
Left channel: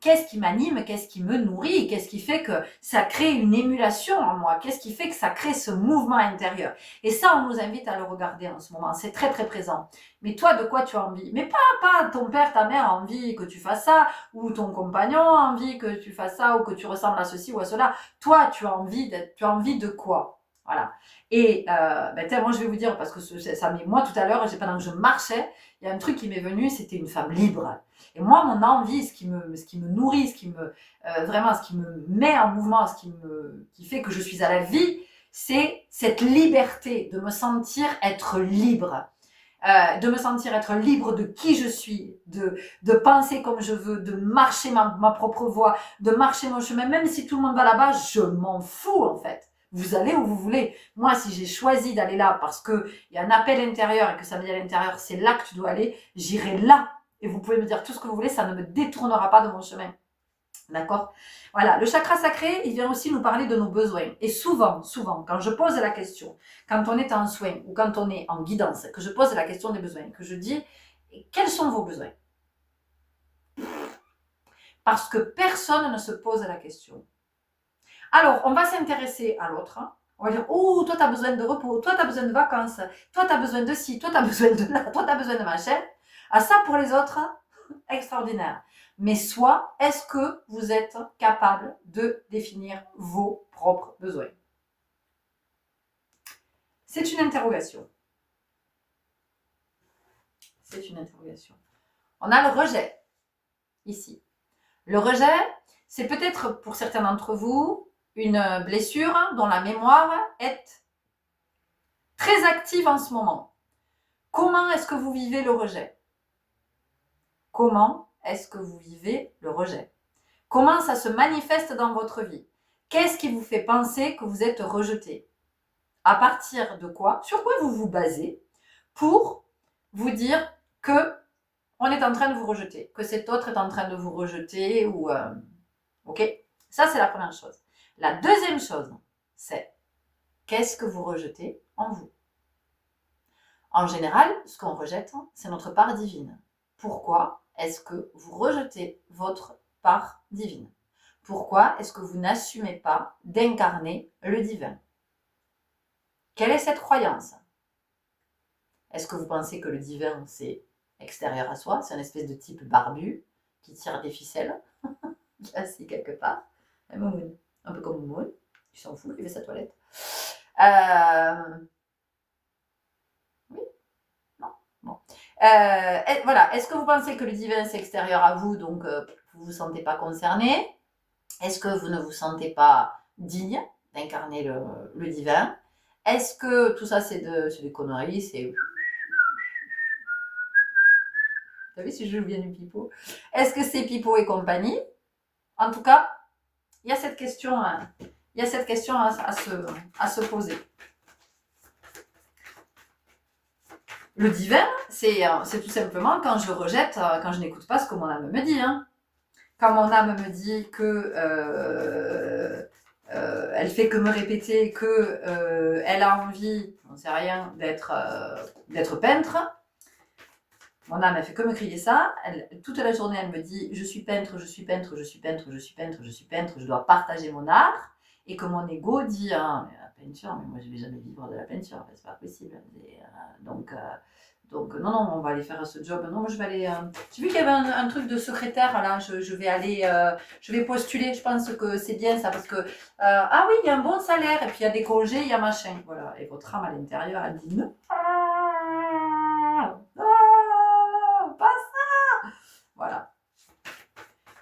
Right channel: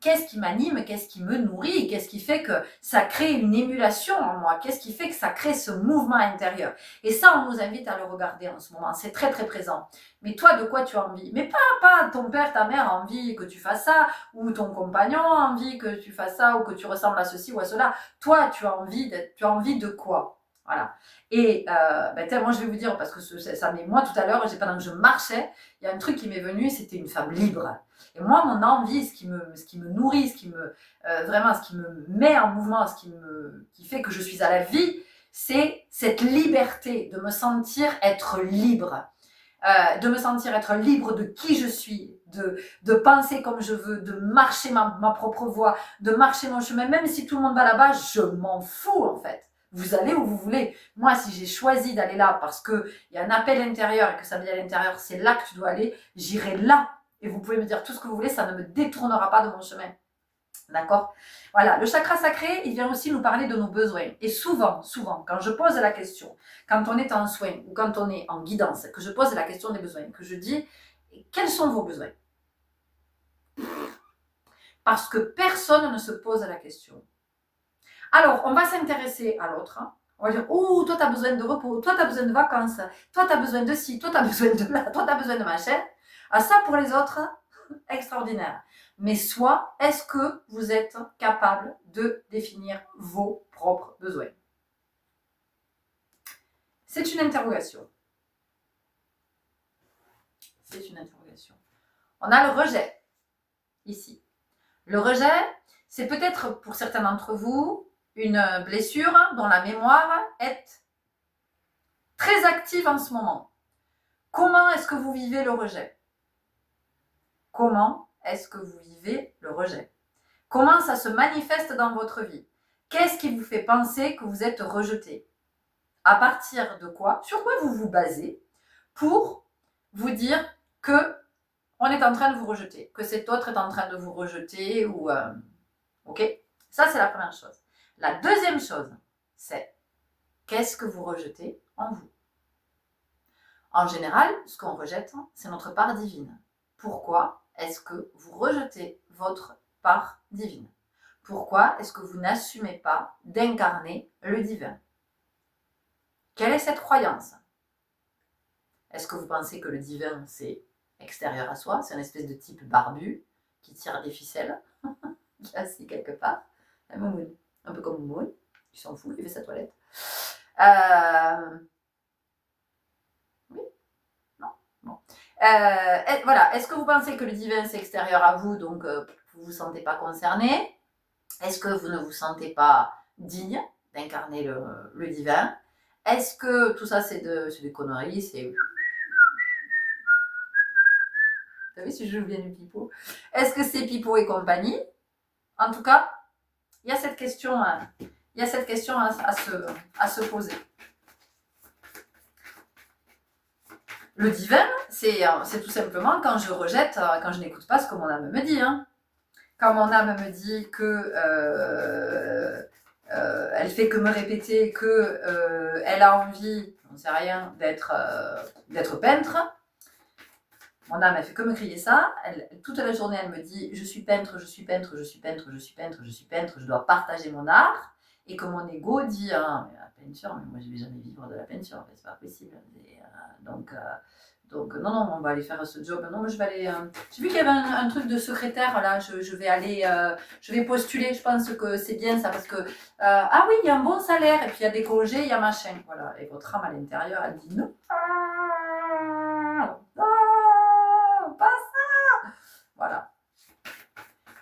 Qu'est-ce qui m'anime? Qu'est-ce qui me nourrit? Qu'est-ce qui fait que ça crée une émulation en moi? Qu'est-ce qui fait que ça crée ce mouvement intérieur? Et ça, on nous invite à le regarder en ce moment. C'est très, très présent. Mais toi, de quoi tu as envie? Mais pas ton père, ta mère a envie que tu fasses ça, ou ton compagnon a envie que tu fasses ça, ou que tu ressembles à ceci ou à cela. Toi, tu as envie de quoi? Voilà. Et moi, je vais vous dire, parce que ça m'est moi tout à l'heure, pendant que je marchais, il y a un truc qui m'est venu, c'était une femme libre. Et moi, mon envie, ce qui me nourrit, ce qui me met en mouvement, qui fait que je suis à la vie, c'est cette liberté de me sentir être libre. De me sentir être libre de qui je suis, de penser comme je veux, de marcher ma propre voie, de marcher mon chemin, même si tout le monde va là-bas, je m'en fous en fait. Vous allez où vous voulez. Moi, si j'ai choisi d'aller là parce qu'il y a un appel intérieur et que ça me dit à l'intérieur, c'est là que tu dois aller, j'irai là. Et vous pouvez me dire tout ce que vous voulez, ça ne me détournera pas de mon chemin. D'accord? Voilà, le chakra sacré, il vient aussi nous parler de nos besoins. Et souvent, quand je pose la question, quand on est en soin ou quand on est en guidance, que je pose la question des besoins, que je dis, quels sont vos besoins? Parce que personne ne se pose la question. Alors, on va s'intéresser à l'autre. Hein. On va dire, oh, toi, tu as besoin de repos, toi, tu as besoin de vacances, toi, tu as besoin de ci, toi, tu as besoin de là, toi, tu as besoin de machin. Ah, ça, pour les autres, extraordinaire. Mais soit, est-ce que vous êtes capable de définir vos propres besoins? C'est une interrogation. C'est une interrogation. On a le rejet, ici. Le rejet, c'est peut-être pour certains d'entre vous une blessure dont la mémoire est très active en ce moment. Comment est-ce que vous vivez le rejet? Comment est-ce que vous vivez le rejet? Comment ça se manifeste dans votre vie? Qu'est-ce qui vous fait penser que vous êtes rejeté? À partir de quoi? Sur quoi vous vous basez pour vous dire que on est en train de vous rejeter, que cet autre est en train de vous rejeter ou ok? Ça, c'est la première chose. La deuxième chose, c'est qu'est-ce que vous rejetez en vous? En général, ce qu'on rejette, c'est notre part divine. Pourquoi est-ce que vous rejetez votre part divine? Pourquoi est-ce que vous n'assumez pas d'incarner le divin? Quelle est cette croyance? Est-ce que vous pensez que le divin, c'est extérieur à soi, c'est une espèce de type barbu qui tire des ficelles, qui est assis quelque part, un peu comme Moon, il s'en fout, il fait sa toilette. Oui, non, bon. Voilà, est-ce que vous pensez que le divin, c'est extérieur à vous, donc vous ne vous sentez pas concerné? Est-ce que vous ne vous sentez pas digne d'incarner le divin? Est-ce que tout ça, c'est des conneries, c'est... Vous savez, si je joue bien du pipeau. Est-ce que c'est pipeau et compagnie? En tout cas, il y a cette question, à se poser. Le divin, c'est tout simplement quand je rejette, quand je n'écoute pas ce que mon âme me dit. Hein. Quand mon âme me dit que elle fait que me répéter que elle a envie, j'en sais rien, d'être peintre. Mon âme, elle fait que me crier ça. Toute la journée, elle me dit je suis peintre, je suis peintre, je suis peintre, je suis peintre, je suis peintre, je dois partager mon art. Et que mon ego dit ah, mais la peinture, mais moi je vais jamais vivre de la peinture, c'est pas possible. Donc non, non, on va aller faire ce job. Non, moi je vais aller. J'ai vu qu'il y avait un truc de secrétaire là. Je vais aller, je vais postuler. Je pense que c'est bien ça parce que ah oui, il y a un bon salaire et puis il y a des congés, il y a machin. Voilà. Et votre âme à l'intérieur, elle dit non. Pas ça. Voilà.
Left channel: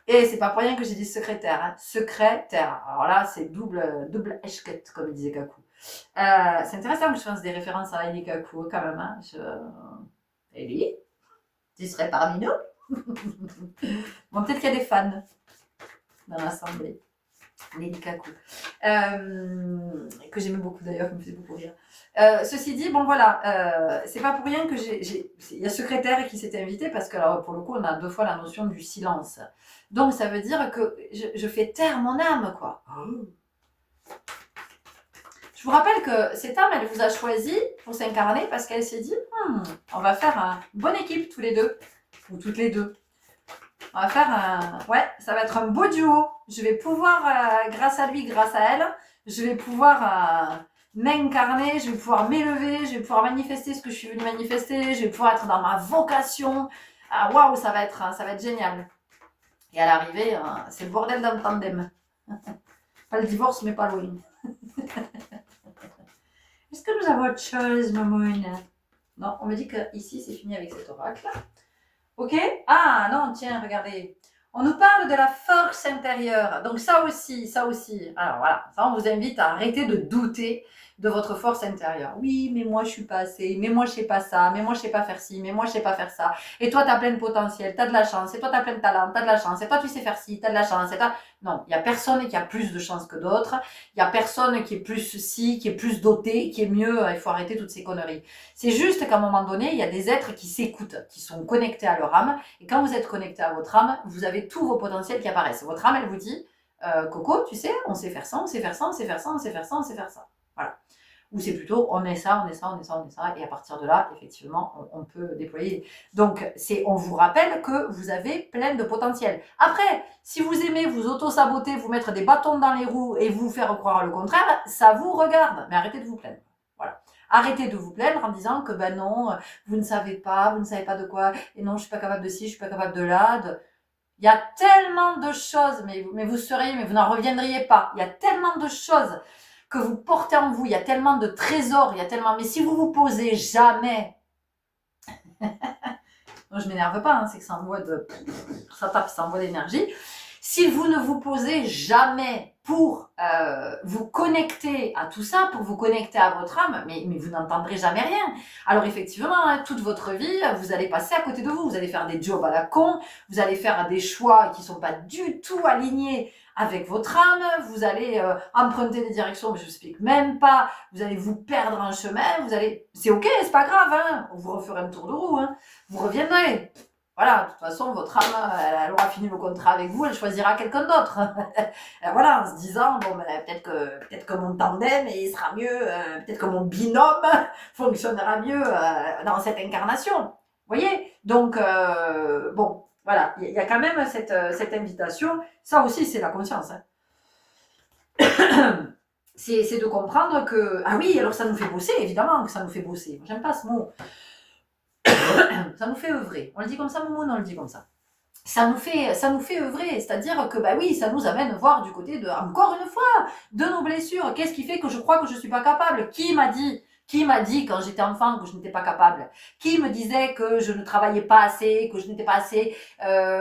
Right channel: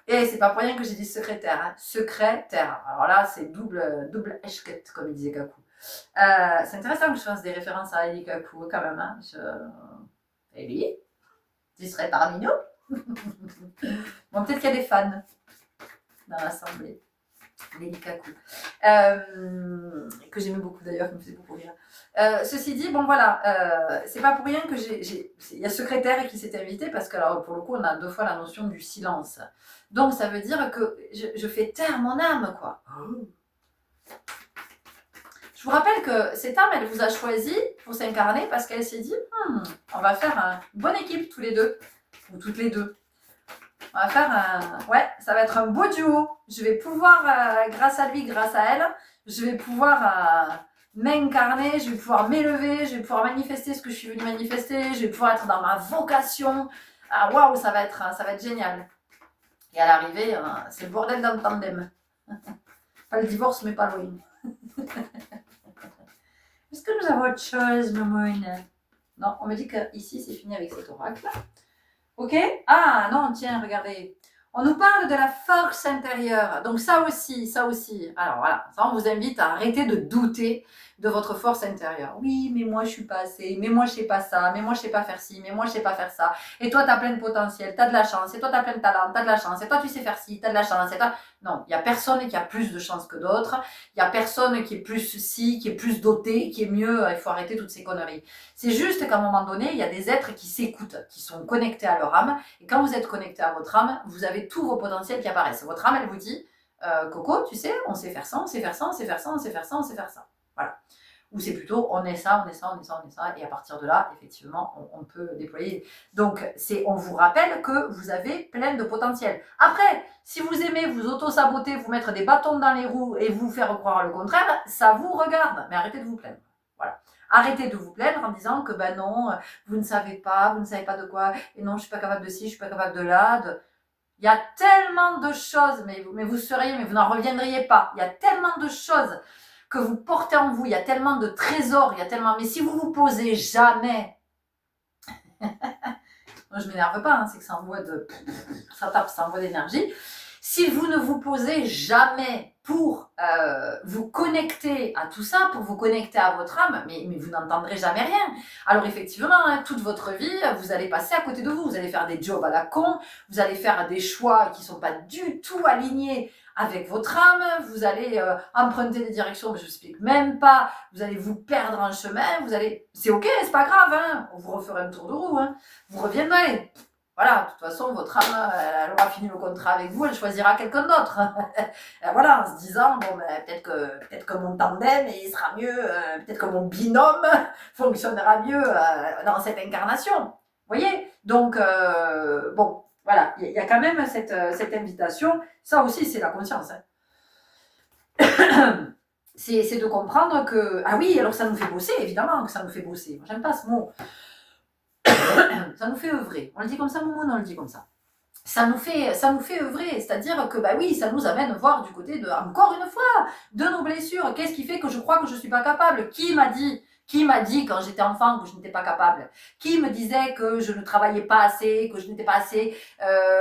Et c'est pas pour rien que j'ai dit secrétaire. Hein. Secrétaire. Alors là, c'est double échquette, comme il disait Kaku. C'est intéressant que je fasse des références à Eli Kaku quand même. Hein. Eli, tu serais parmi nous. Bon, peut-être qu'il y a des fans dans l'assemblée. Eli Kaku. Que j'aimais beaucoup d'ailleurs, qui me faisait beaucoup rire. Ceci dit, bon voilà, c'est pas pour rien que il y a secrétaire qui s'est invité parce que alors, pour le coup, on a 2 fois la notion du silence. Donc ça veut dire que je fais taire mon âme, quoi. Je vous rappelle que cette âme, elle vous a choisi pour s'incarner parce qu'elle s'est dit on va faire une bonne équipe tous les deux, ou toutes les deux. On va faire ouais, ça va être un beau duo. Je vais pouvoir, grâce à lui, grâce à elle, je vais pouvoir m'incarner, je vais pouvoir m'élever, je vais pouvoir manifester ce que je suis venue manifester, je vais pouvoir être dans ma vocation. Ah waouh, ça va être génial. Et à l'arrivée, c'est le bordel d'un tandem. Pas le divorce, mais pas loin. Est-ce que nous avons autre chose, Mamoune? Non, on me dit qu'ici, c'est fini avec cet oracle. Ok? Ah non, tiens, regardez. On nous parle de la force intérieure. Donc ça aussi. Alors voilà, ça on vous invite à arrêter de douter de votre force intérieure. Oui, mais moi je suis pas assez, mais moi je sais pas ça, mais moi je sais pas faire ci, mais moi je sais pas faire ça. Et toi tu as plein de potentiel, tu as de la chance, et toi tu as plein de talent, tu as de la chance, et toi tu sais faire ci, tu as de la chance, et toi... Non, il y a personne qui a plus de chance que d'autres, il y a personne qui est plus ci, qui est plus doté, qui est mieux, il faut arrêter toutes ces conneries. C'est juste qu'à un moment donné, il y a des êtres qui s'écoutent, qui sont connectés à leur âme, et quand vous êtes connecté à votre âme, vous avez tous vos potentiels qui apparaissent. Votre âme, elle vous dit, Coco, tu sais, on sait faire ça, on sait faire ça, on sait faire ça, on sait faire ça, on sait faire ça. Voilà. Ou c'est plutôt, on est ça, et à partir de là, effectivement, on peut déployer. Donc, on vous rappelle que vous avez plein de potentiel. Après, si vous aimez vous auto-saboter, vous mettre des bâtons dans les roues et vous faire croire le contraire, ça vous regarde. Mais arrêtez de vous plaindre. Voilà. Arrêtez de vous plaindre en disant que ben non, vous ne savez pas de quoi, et non, je suis pas capable de ci, je suis pas capable de là. Il y a tellement de choses, mais vous n'en reviendriez pas. Il y a tellement de choses que vous portez en vous, il y a tellement de trésors, mais si vous vous posez jamais, moi je m'énerve pas, hein, c'est que ça envoie d'énergie. Si vous ne vous posez jamais pour vous connecter à tout ça, pour vous connecter à votre âme, mais vous n'entendrez jamais rien. Alors effectivement, hein, toute votre vie, vous allez passer à côté de vous allez faire des jobs à la con, vous allez faire des choix qui ne sont pas du tout alignés avec votre âme, vous allez emprunter des directions, mais je ne explique même pas, vous allez vous perdre en chemin, c'est ok, c'est pas grave, hein, vous referez un tour de roue, hein, vous reviendrez. Voilà, de toute façon, votre âme, elle aura fini le contrat avec vous, elle choisira quelqu'un d'autre. Voilà, en se disant, bon, ben, peut-être que mon tandem, il sera mieux, peut-être que mon binôme fonctionnera mieux dans cette incarnation. Vous voyez? Donc, bon, voilà, il y a quand même cette invitation. Ça aussi, c'est la conscience. Hein. C'est de comprendre que, ah oui, alors ça nous fait bosser, évidemment que ça nous fait bosser. Moi, j'aime pas ce mot. Ça nous fait œuvrer. On le dit comme ça, Momo, non, on le dit comme ça. Ça nous fait œuvrer, c'est-à-dire que, bah oui, ça nous amène voir du côté de, encore une fois, de nos blessures. Qu'est-ce qui fait que je crois que je suis pas capable? Qui m'a dit quand j'étais enfant que je n'étais pas capable? Qui me disait que je ne travaillais pas assez, que je n'étais pas assez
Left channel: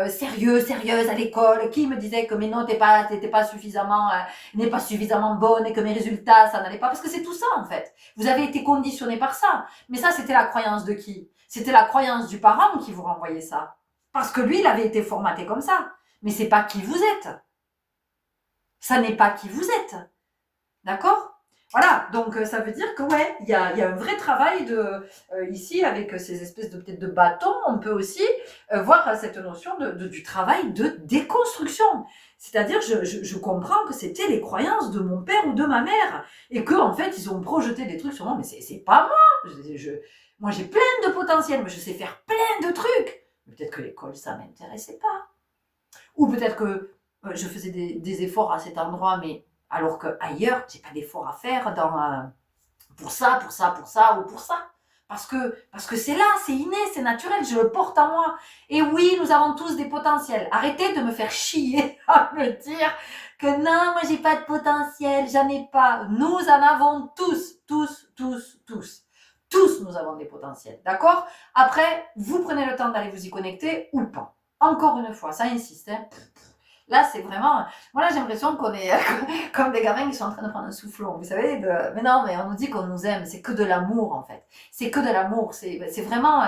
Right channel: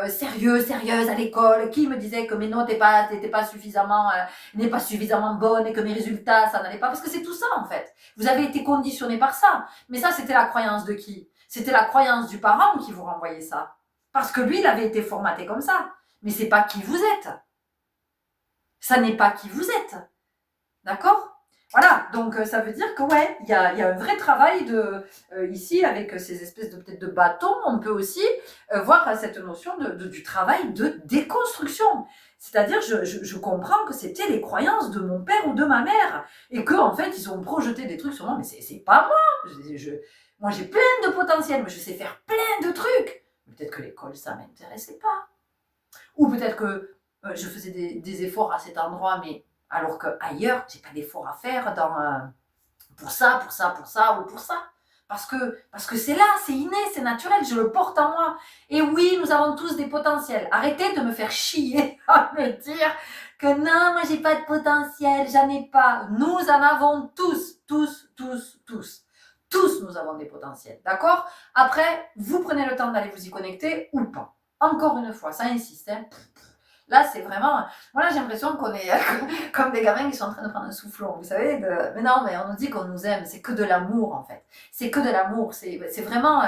sérieuse à l'école? Qui me disait que mes notes n'étaient pas suffisamment bonnes et que mes résultats, ça n'allait pas? Parce que c'est tout ça, en fait. Vous avez été conditionné par ça. Mais ça, c'était la croyance de qui? C'était la croyance du parent qui vous renvoyait ça. Parce que lui, il avait été formaté comme ça. Mais c'est pas qui vous êtes. Ça n'est pas qui vous êtes. D'accord? Voilà, donc ça veut dire que ouais, il y a un vrai travail ici avec ces espèces de peut-être de bâtons, on peut aussi voir cette notion du travail de déconstruction. C'est-à-dire, je comprends que c'était les croyances de mon père ou de ma mère et que en fait ils ont projeté des trucs sur moi, mais c'est pas moi. Moi j'ai plein de potentiel, mais je sais faire plein de trucs. Peut-être que l'école ça m'intéressait pas, ou peut-être que je faisais des efforts à cet endroit, mais alors qu'ailleurs, j'ai pas d'efforts à faire pour ça, pour ça, pour ça ou pour ça. Parce que c'est là, c'est inné, c'est naturel, je le porte en moi. Et oui, nous avons tous des potentiels. Arrêtez de me faire chier à me dire que non, moi j'ai pas de potentiel, j'en ai pas. Nous en avons tous, tous, tous, tous. Tous, nous avons des potentiels, d'accord? Après, vous prenez le temps d'aller vous y connecter ou pas. Encore une fois, ça insiste, hein. Là, c'est vraiment. Moi, là, j'ai l'impression qu'on est comme des gamins qui sont en train de prendre un soufflon. Vous savez, mais non, mais on nous dit qu'on nous aime. C'est que de l'amour, en fait. C'est que de l'amour. C'est vraiment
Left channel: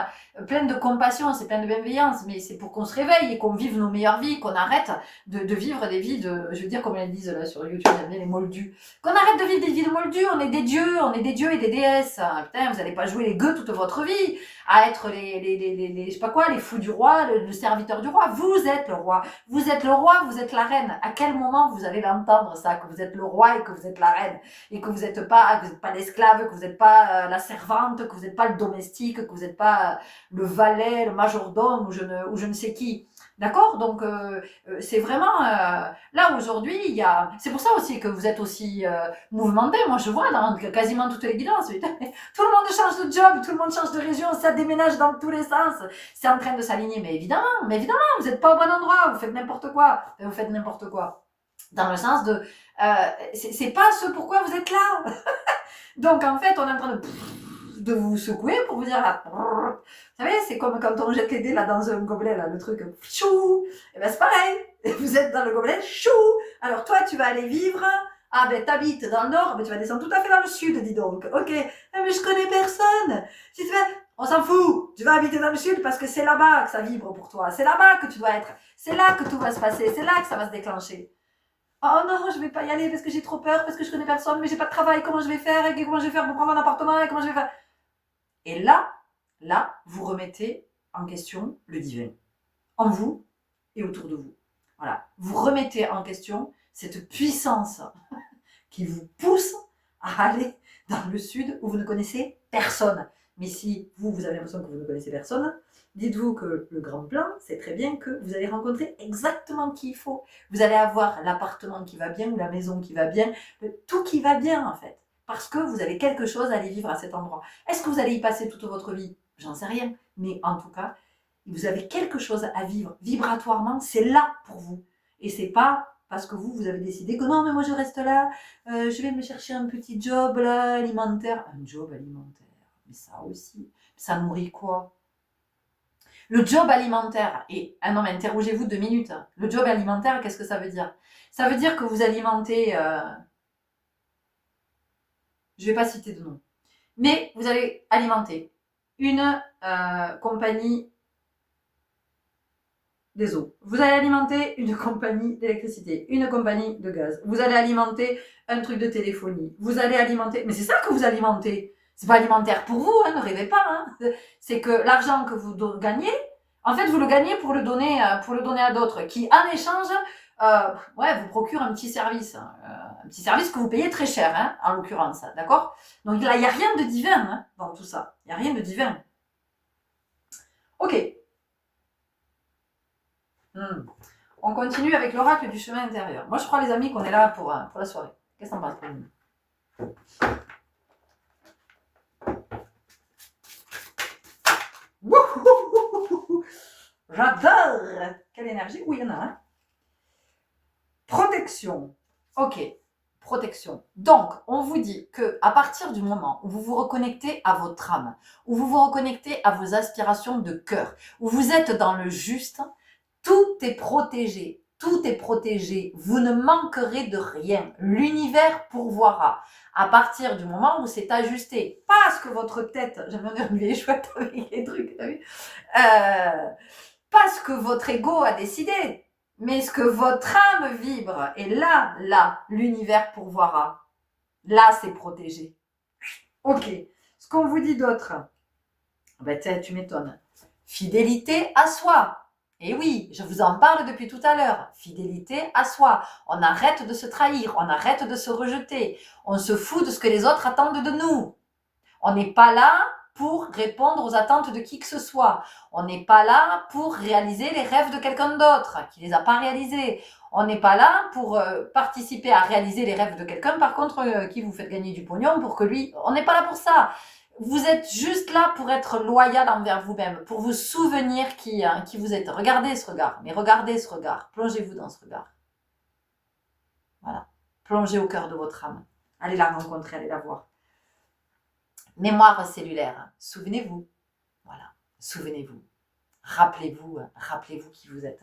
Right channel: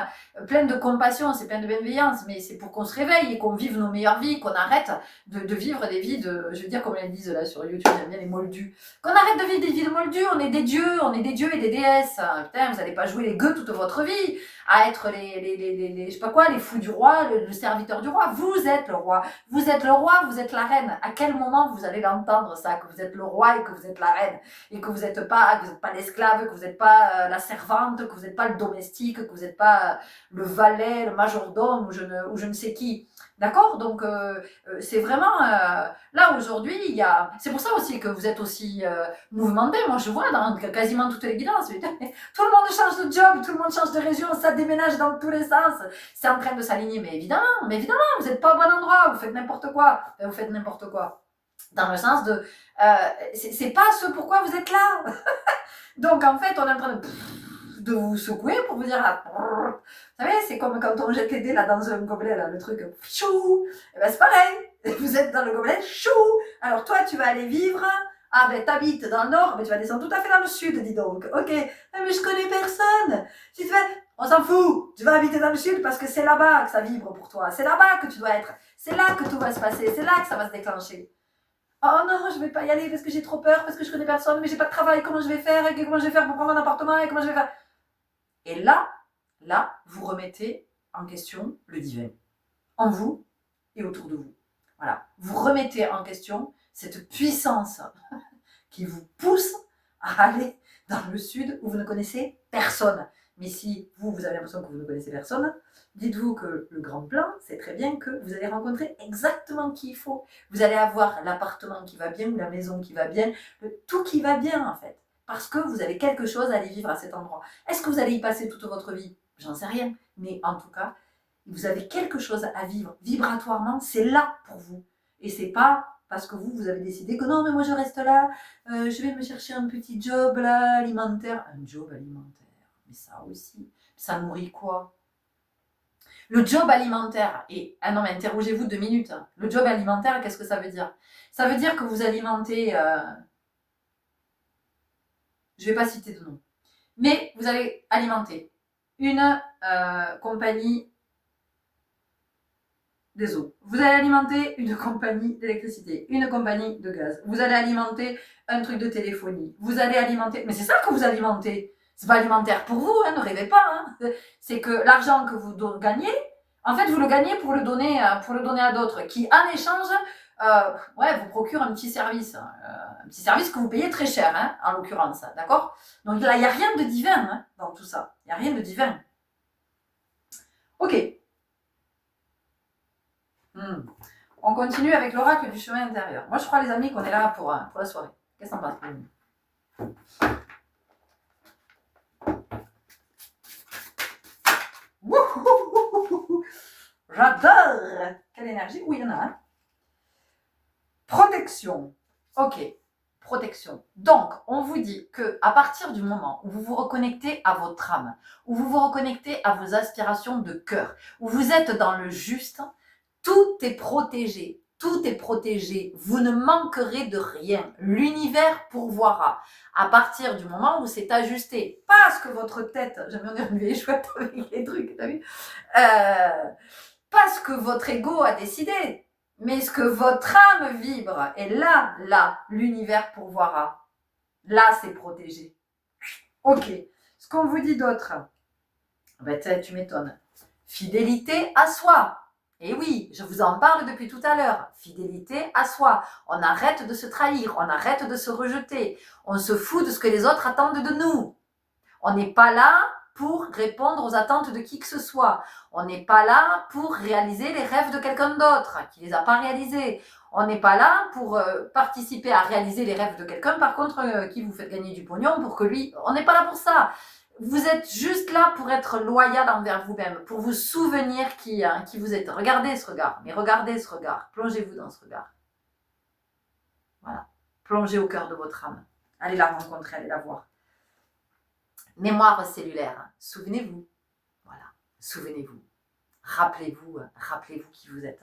plein de compassion, c'est plein de bienveillance. Mais c'est pour qu'on se réveille et qu'on vive nos meilleures vies, qu'on arrête de vivre des vies de. Je veux dire, comme elles disent là sur YouTube, j'aime bien les moldus. Qu'on arrête de vivre des vies de moldus. On est des dieux et des déesses. Putain, vous n'allez pas jouer les gueux toute votre vie à être je sais pas quoi, les fous du roi, le serviteur du roi. Vous êtes le roi. Vous êtes le roi, vous êtes la reine. À quel moment vous allez l'entendre ça, que vous êtes le roi et que vous êtes la reine, et que vous n'êtes pas l'esclave, que vous n'êtes pas la servante, que vous n'êtes pas le domestique, que vous n'êtes pas le valet, le majordome ou je ne sais qui. D'accord? Donc c'est vraiment là aujourd'hui, il y a. C'est pour ça aussi que vous êtes aussi mouvementé. Moi, je vois dans quasiment toutes les guidances. Tout le monde change de job, tout le monde change de région, ça déménage dans tous les sens. C'est en train de s'aligner, mais évidemment, vous n'êtes pas au bon endroit, vous faites n'importe quoi. Vous faites n'importe quoi. Dans le sens de, c'est pas ce pourquoi vous êtes là. Donc en fait, on est en train de vous secouer pour vous dire là. Vous savez, c'est comme quand on jette les dés là dans un gobelet, là, le truc chou. Et ben c'est pareil. Vous êtes dans le gobelet chou. Alors toi, tu vas aller vivre. Ah ben t'habites dans le nord, mais tu vas descendre tout à fait dans le sud, dis donc. Ok. Mais je connais personne. Si tu vas, on s'en fout. Tu vas habiter dans le sud parce que c'est là-bas que ça vibre pour toi. C'est là-bas que tu dois être. C'est là que tout va se passer. C'est là que ça va se déclencher. Oh non, je vais pas y aller parce que j'ai trop peur, parce que je connais personne, mais j'ai pas de travail. Comment je vais faire? Comment je vais faire pour prendre un appartement? Et comment je vais faire? Et là, vous remettez en question le divin. En vous et autour de vous. Voilà. Vous remettez en question cette puissance qui vous pousse à aller dans le sud où vous ne connaissez personne. Mais si vous avez l'impression que vous ne connaissez personne, dites-vous que le grand plan, c'est très bien que vous allez rencontrer exactement qui il faut. Vous allez avoir l'appartement qui va bien ou la maison qui va bien, tout qui va bien en fait. Parce que vous avez quelque chose à aller vivre à cet endroit. Est-ce que vous allez y passer toute votre vie? J'en sais rien. Mais en tout cas, vous avez quelque chose à vivre. Vibratoirement, c'est là pour vous. Et c'est pas parce que vous avez décidé que non, mais moi je reste là, je vais me chercher un petit job là, alimentaire. Un job alimentaire, mais ça aussi, ça nourrit quoi? Le job alimentaire, et ah non mais interrogez-vous 2 minutes, hein. Le job alimentaire, qu'est-ce que ça veut dire? Ça veut dire que vous alimentez, je vais pas citer de nom, mais vous allez alimenter une compagnie des eaux. Vous allez alimenter une compagnie d'électricité, une compagnie de gaz. Vous allez alimenter un truc de téléphonie. Vous allez alimenter. Mais c'est ça que vous alimentez. C'est pas alimentaire pour vous, hein, ne rêvez pas. Hein. C'est que l'argent que vous gagnez, en fait, vous le gagnez pour le donner à d'autres, qui en échange, vous procurent un petit service, que vous payez très cher, hein, en l'occurrence, d'accord? Donc là, il n'y a rien de divin hein, dans tout ça. Il n'y a rien de divin. Ok. On continue avec l'oracle du chemin intérieur. Moi, je crois, les amis, qu'on est là pour la soirée. Qu'est-ce que t'en penses, J'adore. Quelle énergie. Oui, il y en a un. Protection. Ok. Protection. Donc, on vous dit que à partir du moment où vous vous reconnectez à votre âme, où vous vous reconnectez à vos aspirations de cœur, où vous êtes dans le juste, tout est protégé. Tout est protégé. Vous ne manquerez de rien. L'univers pourvoira. À partir du moment où c'est ajusté. Pas ce que votre tête, j'aime bien une vieille chouette avec les trucs, t'as vu pas ce que votre ego a décidé, mais ce que votre âme vibre. Et là, l'univers pourvoira. Là, c'est protégé. Ok. Ce qu'on vous dit d'autre, ben, tu m'étonnes. Fidélité à soi. Et oui, je vous en parle depuis tout à l'heure. Fidélité à soi. On arrête de se trahir, on arrête de se rejeter. On se fout de ce que les autres attendent de nous. On n'est pas là pour répondre aux attentes de qui que ce soit. On n'est pas là pour réaliser les rêves de quelqu'un d'autre qui ne les a pas réalisés. On n'est pas là pour participer à réaliser les rêves de quelqu'un, par contre, qui vous fait gagner du pognon pour que lui... On n'est pas là pour ça. Vous êtes juste là pour être loyal envers vous-même, pour vous souvenir qui vous êtes. Regardez ce regard, mais regardez ce regard. Plongez-vous dans ce regard. Voilà. Plongez au cœur de votre âme. Allez la rencontrer, allez la voir. Mémoire cellulaire. Souvenez-vous. Voilà. Souvenez-vous. Rappelez-vous qui vous êtes.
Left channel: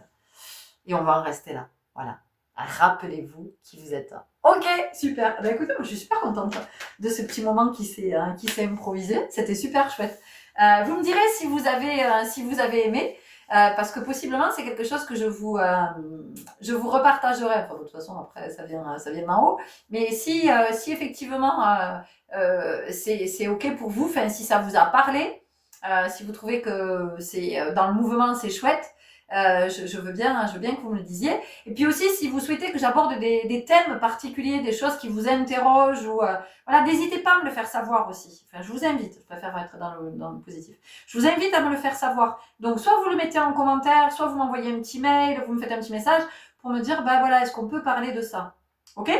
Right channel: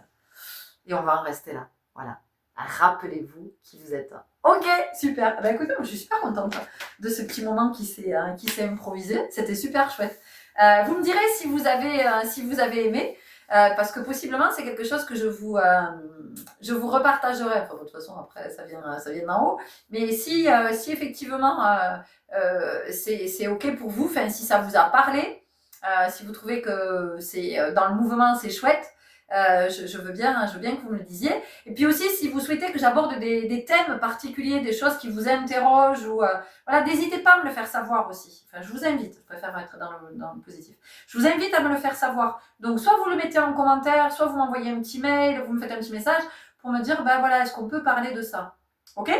Et on va en rester là. Voilà. Rappelez-vous qui vous êtes. Ok, super. Ben écoutez, moi, je suis super contente de ce petit moment qui s'est improvisé. C'était super chouette. Vous me direz si vous avez aimé, parce que possiblement c'est quelque chose que je vous repartagerai. Enfin, de toute façon, après ça vient d'en haut. Mais si effectivement c'est ok pour vous, enfin si ça vous a parlé, si vous trouvez que c'est dans le mouvement, c'est chouette. Je veux bien que vous me le disiez. Et puis aussi, si vous souhaitez que j'aborde des thèmes particuliers, des choses qui vous interrogent, ou voilà, n'hésitez pas à me le faire savoir aussi. Enfin, je vous invite. Je préfère être dans le positif. Je vous invite à me le faire savoir. Donc, soit vous le mettez en commentaire, soit vous m'envoyez un petit mail, vous me faites un petit message pour me dire, ben voilà, est-ce qu'on peut parler de ça? Ok?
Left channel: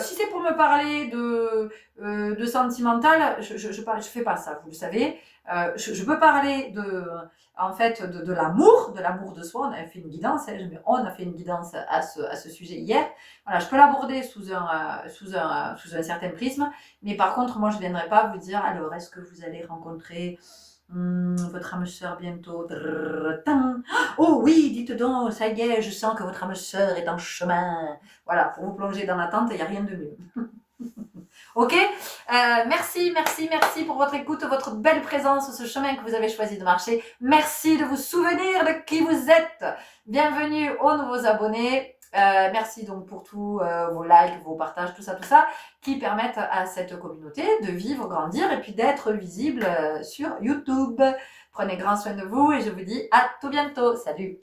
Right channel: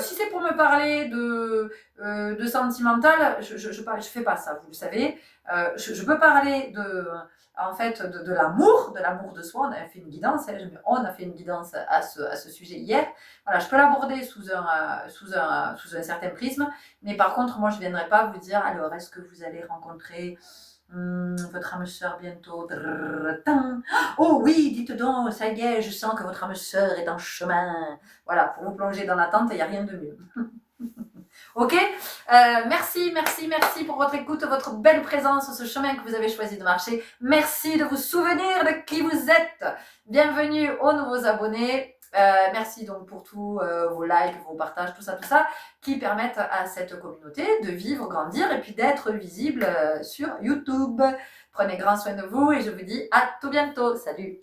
Si c'est pour me parler de sentimental, je fais pas ça, vous le savez. Je peux parler de l'amour de soi. On a fait une guidance, on a fait une guidance à ce sujet hier. Voilà, je peux l'aborder sous un certain prisme, mais par contre, moi, je ne viendrai pas vous dire, alors, est-ce que vous allez rencontrer votre âme sœur bientôt? Oh oui, dites donc, ça y est, je sens que votre âme sœur est en chemin. Voilà, pour vous plonger dans l'attente, il n'y a rien de mieux. Ok, merci pour votre écoute, votre belle présence, ce chemin que vous avez choisi de marcher. Merci de vous souvenir de qui vous êtes. Bienvenue aux nouveaux abonnés. Merci donc pour tous vos likes, vos partages, tout ça, qui permettent à cette communauté de vivre, grandir et puis d'être visible sur YouTube. Prenez grand soin de vous et je vous dis à tout bientôt. Salut!